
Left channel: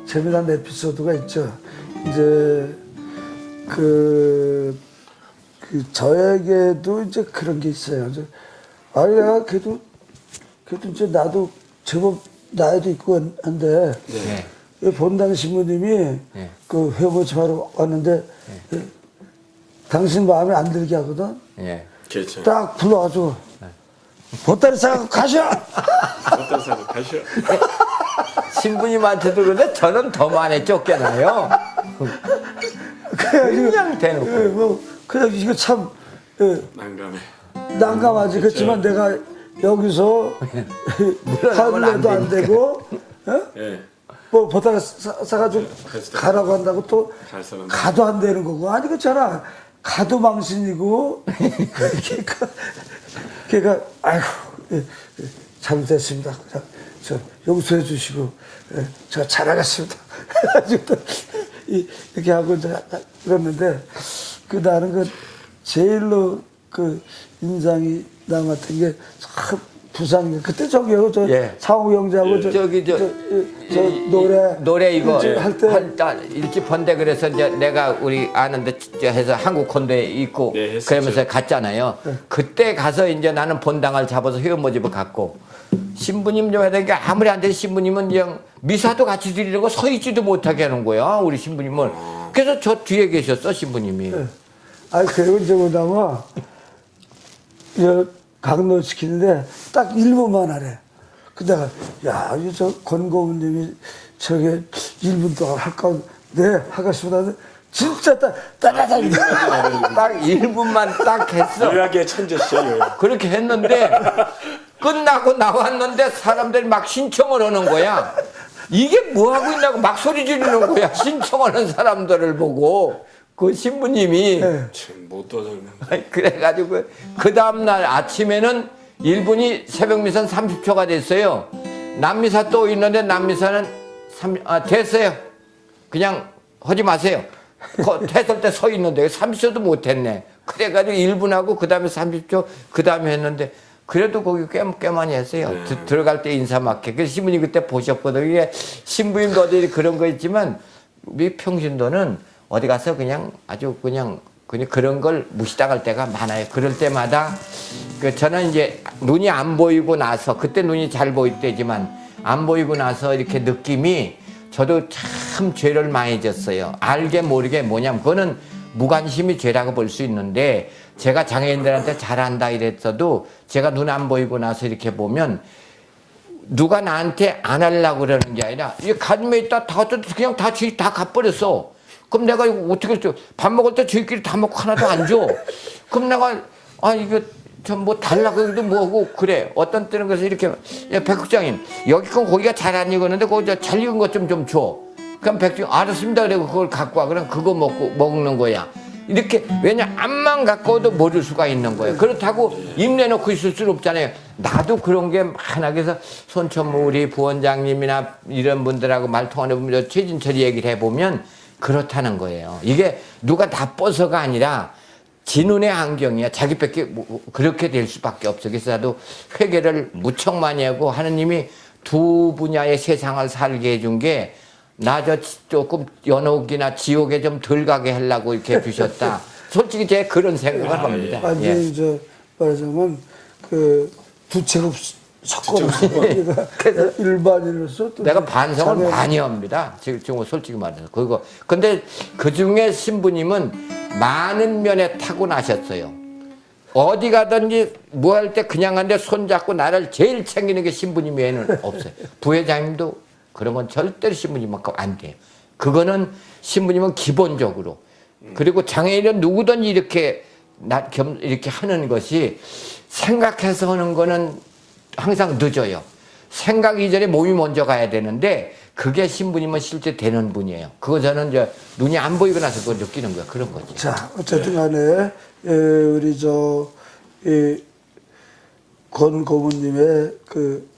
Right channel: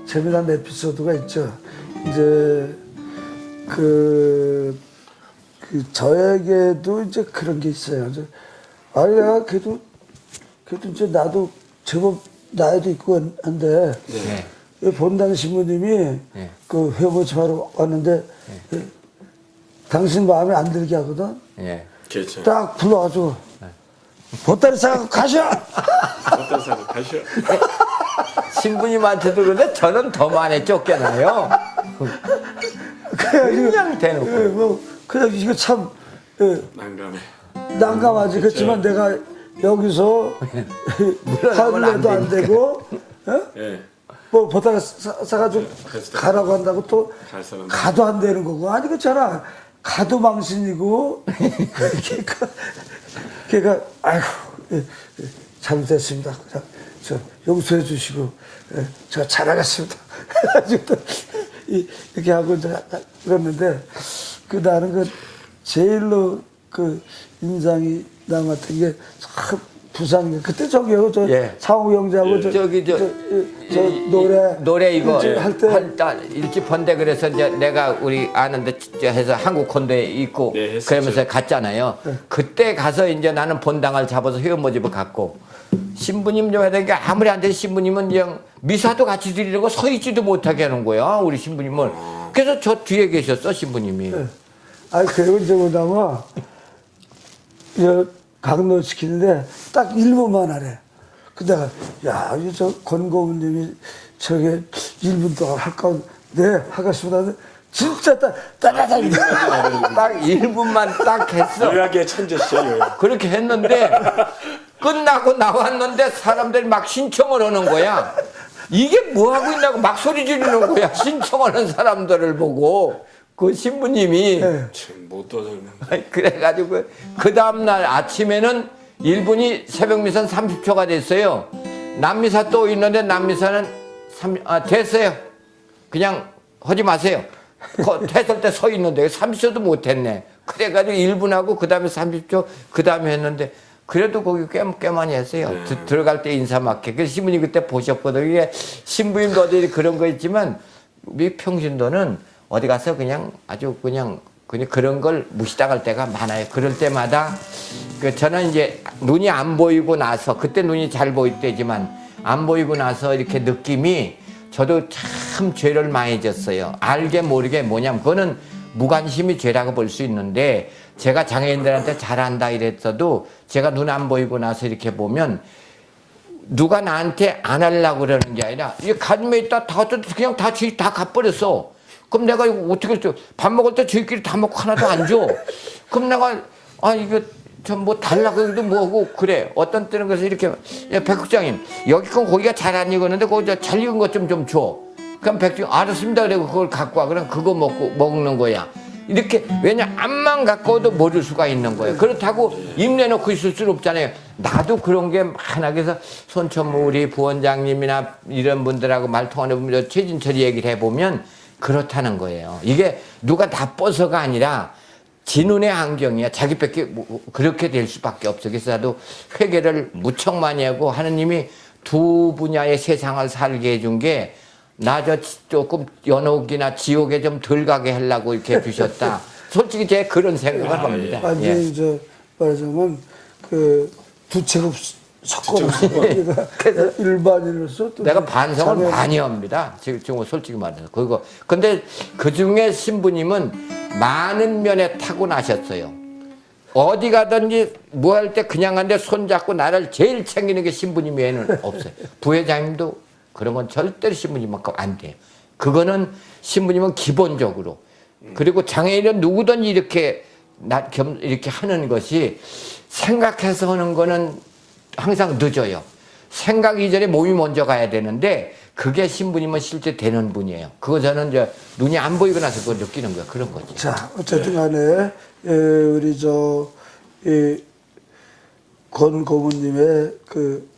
재미난 에피소드가 있죠. 이제 그 저에게도 이제 그런 게 있어요. 이제 아야 그래도 이제 나도 제법 나이도 있고 한데 본당 신부님이 그 회보집하러 왔는데 당신 마음에 안 들게 하거든. 예. 그렇죠. 딱 불러가지고 보따리 싸고 가셔. 어떤 사람 가셔. 신부님한테도 그런데 저는 더 많이 쫓겨나요. 그래가지고 그냥 대놓고. 그냥 이거 참 난감해. 난감하지. 그렇지만 내가 여기서 화를 내도 안 되고 예. 뭐 보따리 싸가지고 가라고 한다고 또 갈 사람. 가도 안 되는 거고. 아니 그렇잖아. 가도 망신이고 걔가 아이고 잘못했습니다. 저 용서해 주시고 제가 잘하겠습니다. 이렇게 하고 이제 그랬는데 그 나는 그 제일로 그 인상이 남았던 게 참 부산이 그때 저기요 저 예. 상우 형제하고 저 노래 이거 할 때 일집 본데 그래서 이제 내가 우리 아는데 해서 한국 콘도에 있고 네, 했었죠. 그러면서 갔잖아요. 그때 가서 이제 나는 본당을 잡아서 회원 모집을 갔고 신부님 좀 해야 되는 게 아무리 안 돼 신부님은 그냥 미사도 같이 드리려고 서 있지도 못하게 하는 거야 우리 신부님은. 그래서 저 뒤에 계셨어 신부님이. 아니 그리고 이제 뭐냐면 강로 시키는데 딱 1분만 하래. 근데 야, 저 권고문님이 저게 1분 동안 할까? 네, 하겠습니다. 진짜 딱 1분만 딱 했어. 요약의 천재시죠. 요약. 그렇게 했는데 끝나고 나왔는데 사람들이 막 신청을 하는 거야. 이게 뭐 하고 있냐고 막 소리 지르는 거야. 신청하는 사람들을 보고 그 신부님이 참못 도전는. 그래가지고 그 다음날 아침에는 1분이 새벽미사는 30초가 됐어요. 남미사 또 있는데 남미사는 됐어요. 그냥 하지 마세요. 했을 때 서 있는데 30초도 못했네. 그래가지고 1분하고 그 다음에 30초 그 다음에 했는데 그래도 거기 꽤 많이 했어요. 들어갈 때 인사 맞게. 그래서 신부님 그때 보셨거든요. 이게 신부님도 어디 그런 거 있지만 우리 평신도는 어디 가서 그냥 아주 그냥 그런 걸 무시당할 때가 많아요. 그럴 때마다 저는 이제 눈이 안 보이고 나서 그때 눈이 잘 보일 때지만 안 보이고 나서 이렇게 느낌이 저도 참 죄를 많이 졌어요. 알게 모르게 뭐냐면 그거는 무관심이 죄라고 볼 수 있는데 제가 장애인들한테 잘한다 이랬어도 제가 눈 안 보이고 나서 이렇게 보면 누가 나한테 안 하려고 그러는 게 아니라 이 가슴에 있다 다 그냥 다 갚버렸어. 그럼 내가 이거 어떻게 줘? 밥 먹을 때 저희끼리 다 먹고 하나도 안 줘. 그럼 내가 이거 좀 뭐 달라고 해도 뭐고 그래. 어떤 때는 그래서 이렇게 야 백국장님 여기 건 고기가 잘 안 익었는데 거기 잘 익은 것 좀 줘. 그럼 백국장 알았습니다. 그리고 그걸 갖고 와. 그럼 그거 먹는 거야. 이렇게 왜냐 앞만 갖고 와도 모를 수가 있는 거예요. 그렇다고 입 내놓고 있을 수는 없잖아요. 나도 그런 게 많아. 그래서 손천무 우리 부원장님이나 이런 분들하고 말통하는 분들 최진철이 얘기를 해보면 그렇다는 거예요. 이게 누가 나빠서가 아니라 지 눈의 안경이야. 자기밖에 그렇게 될 수밖에 없어. 그래서 나도 회개를 무척 많이 하고 하느님이 두 분야의 세상을 살게 해준 게 나 저 조금 연옥이나 지옥에 좀 덜 가게 하려고 이렇게 해주셨다. 솔직히 제가 그런 생각을 합니다. 완전히 저 말하자면 그 두채급 석고를 일반인으로서 또 내가 반성을 많이 합니다. 지금 솔직히 말해서 그거. 근데 그 중에 신부님은 많은 면에 타고나셨어요. 어디 가든지 뭐 할 때 그냥 한데 손잡고 나를 제일 챙기는 게 신부님 외에는 없어요. 부회장님도 그런 건 절대로 신부님만큼 안 돼요. 그거는 신부님은 기본적으로. 그리고 장애인은 누구든 이렇게 하는 것이 생각해서 하는 거는 항상 늦어요. 생각 이전에 몸이 먼저 가야 되는데 그게 신부님은 실제 되는 분이에요. 그거 저는 이제 눈이 안 보이고 나서 그걸 느끼는 거야. 그런 거지. 자, 어쨌든 간에 우리 권 고모님의 그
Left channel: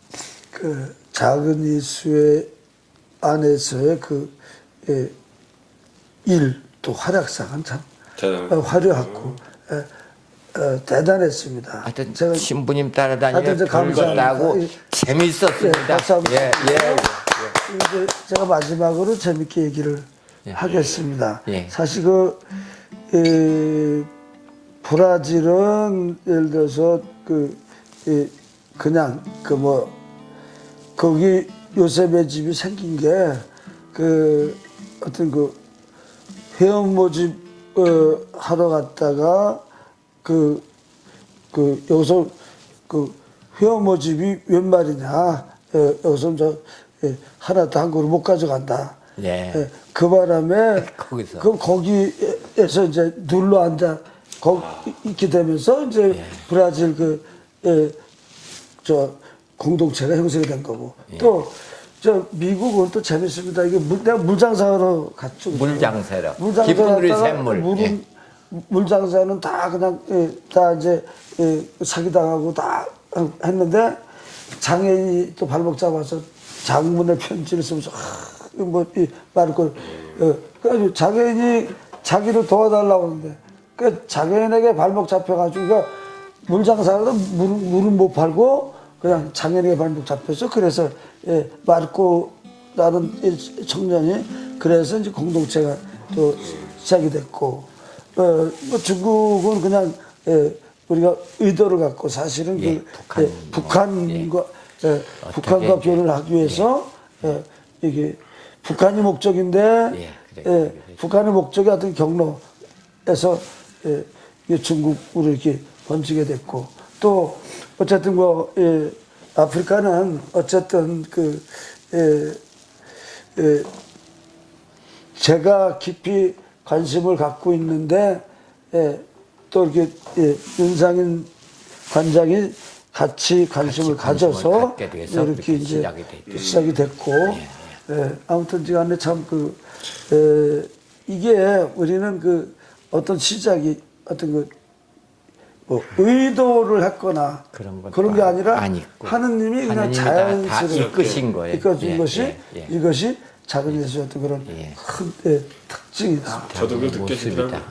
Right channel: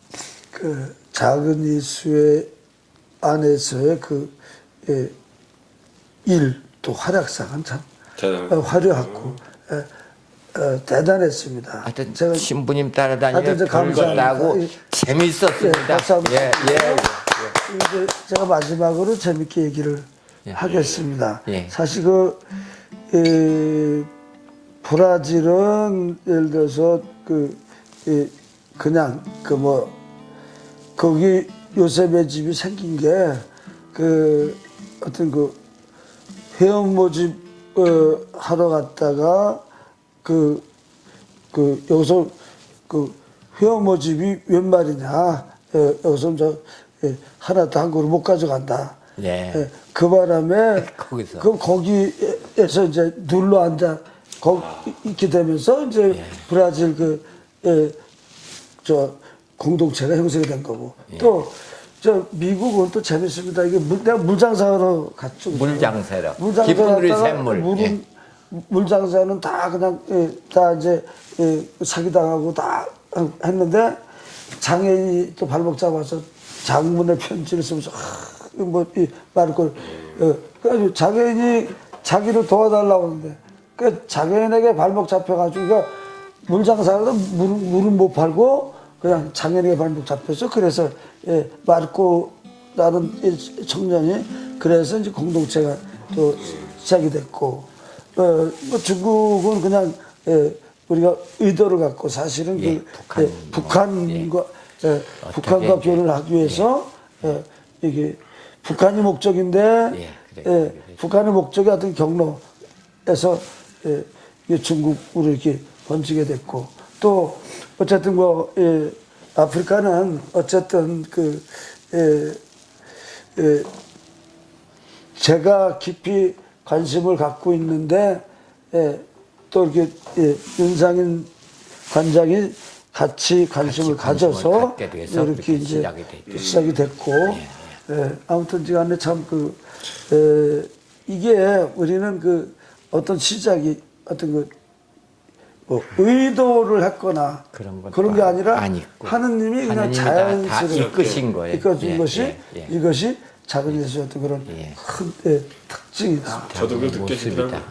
작은 이수의 안에서의 또 활약상은 참 화려하고 대단했습니다. 하여튼 제가 신부님 따라다니며 하여튼 별것도 하고 재밌었습니다. 예. 이제 제가 마지막으로 재밌게 얘기를 하겠습니다. 예. 사실 브라질은 예를 들어서 그냥 거기 요셉의 집이 생긴 게 어떤 회원 모집 하러 갔다가 여기서 회원 모집이 웬 말이냐, 여기서 하나도 한국으로 못 가져간다. 네. 그 바람에 거기서. 거기에서 이제 눌러 앉아 있게 되면서 이제 브라질 공동체가 형성이 된 거고. 또 미국은 또 재밌습니다. 이게 내가 물장사로 갔죠. 물장사로. 물장사 깊은 물이 갔다가 샘물. 물장사는 다 그냥 다 이제 사기당하고 다 했는데 장애인이 또 발목 잡아서 장문의 편지를 쓰면서 말고 그래가지고 장애인이 자기를 도와달라고 하는데 그 장애인에게 발목 잡혀가지고 그러니까 물장사도 물은 못 팔고 그냥 장애인에게 발목 잡혀서 그래서 마르코 라는 청년이 그래서 이제 공동체가 또 시작이 됐고 뭐 중국은 그냥 우리가 의도를 갖고 사실은 북한과 결혼을 하기 위해서 이게 북한이 목적인데 북한의 목적이 어떤 경로에서 중국으로 이렇게 번지게 됐고 또 어쨌든 아프리카는 어쨌든 제가 깊이 관심을 갖고 있는데 또 이렇게 윤상인 관장이 같이 관심을 가져서 이렇게 이제 시작이 됐고 아무튼 간에 참 이게 우리는 어떤 시작이 어떤 의도를 했거나 그런 게 아니라 하느님이 그냥 자연스럽게 이끄신 거예요. 이끌어준 이것이 작은 예수의 어떤 그런 큰 특징이다. 저도 그 느껴집니다.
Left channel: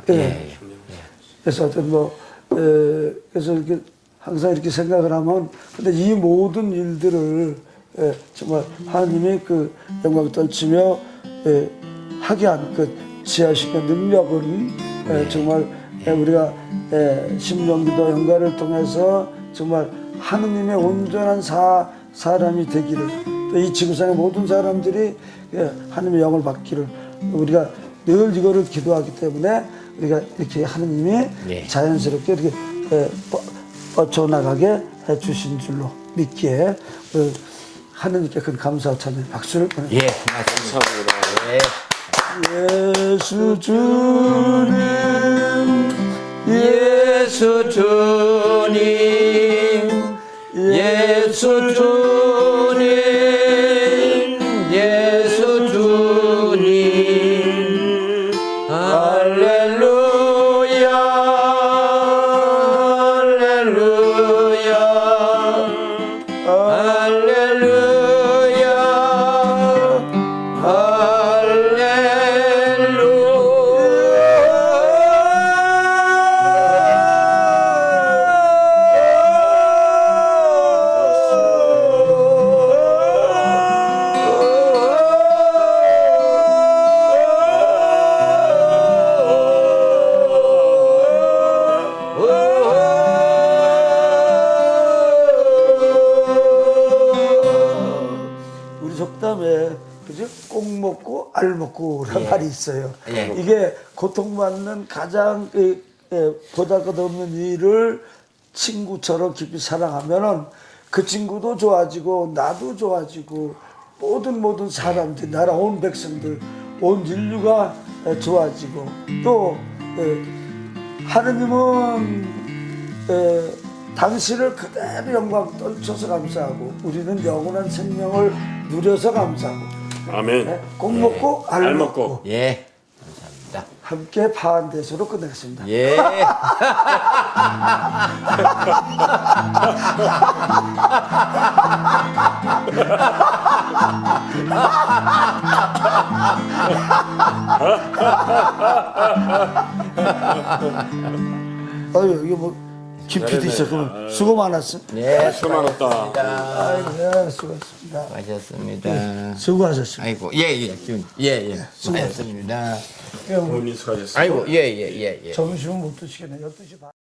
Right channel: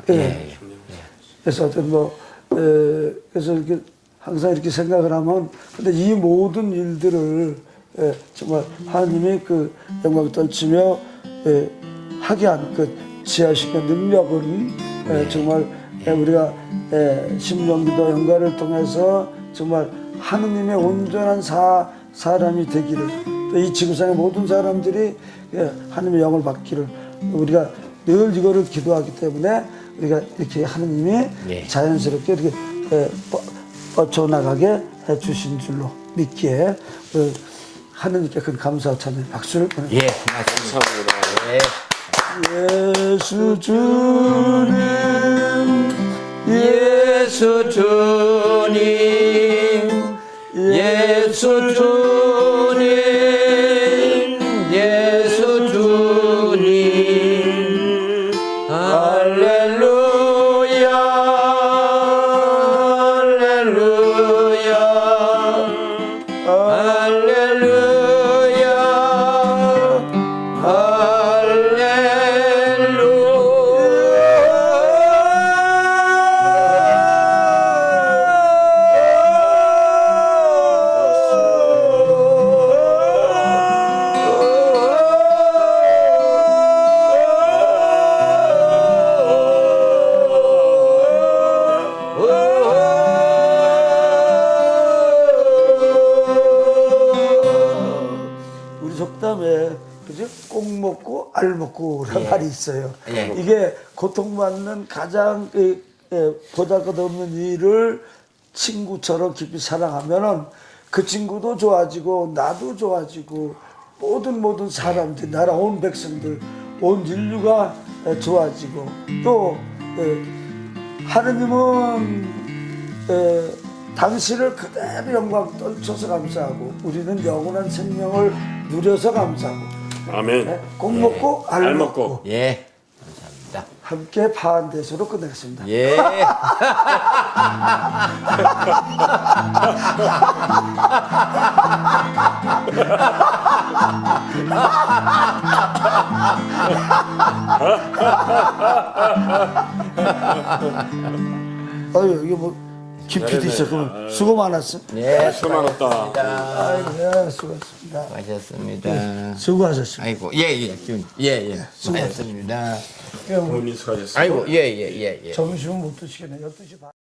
그래서 어떤 그래서 이렇게 항상 이렇게 생각을 하면 근데 이 모든 일들을 정말 하나님이 영광을 떨치며 하게 한 지하신의 능력은 정말 우리가 심령기도 연가를 통해서 정말 하느님의 온전한 사람이 되기를 또 이 지구상의 모든 사람들이 하느님의 영을 받기를 우리가 늘 이거를 기도하기 때문에 우리가 이렇게 하느님이 자연스럽게 이렇게 뻗쳐나가게 해주신 줄로 믿기에 하느님께 큰 감사와 찬양 박수를 보내드립니다. 예수 주님 예수 주님 예수 주님 예수 주님 할렐루야 할렐루야 할렐루야 우리 속담에 그죠? 꼭 먹고 알 먹고라는 말이 있어요. 이게 고통받는 가장 보잘것없는 일을 친구처럼 깊이 사랑하면은 그 친구도 좋아지고 나도 좋아지고 모든 사람들 나라 온 백성들 온 인류가 좋아지고 또 하느님은 당신을 그대로 영광 떨쳐서 감사하고 우리는 영원한 생명을 누려서 감사하고 아멘. 꼭 먹고 알 먹고 예, 감사합니다. 함께 파한대수로 끝내겠습니다. 예. 아유 이게 뭐 깊이도 있었고 수고 많았어. 예, 수고 많았다. 아이고 수고했습니다. 수고하셨습니다. 수고하셨습니다. 아이고, 예. 수고하셨습니다. 본인 수고하셨습니다. 아이고, 예. 점심은 못 드시겠네. 12시 반.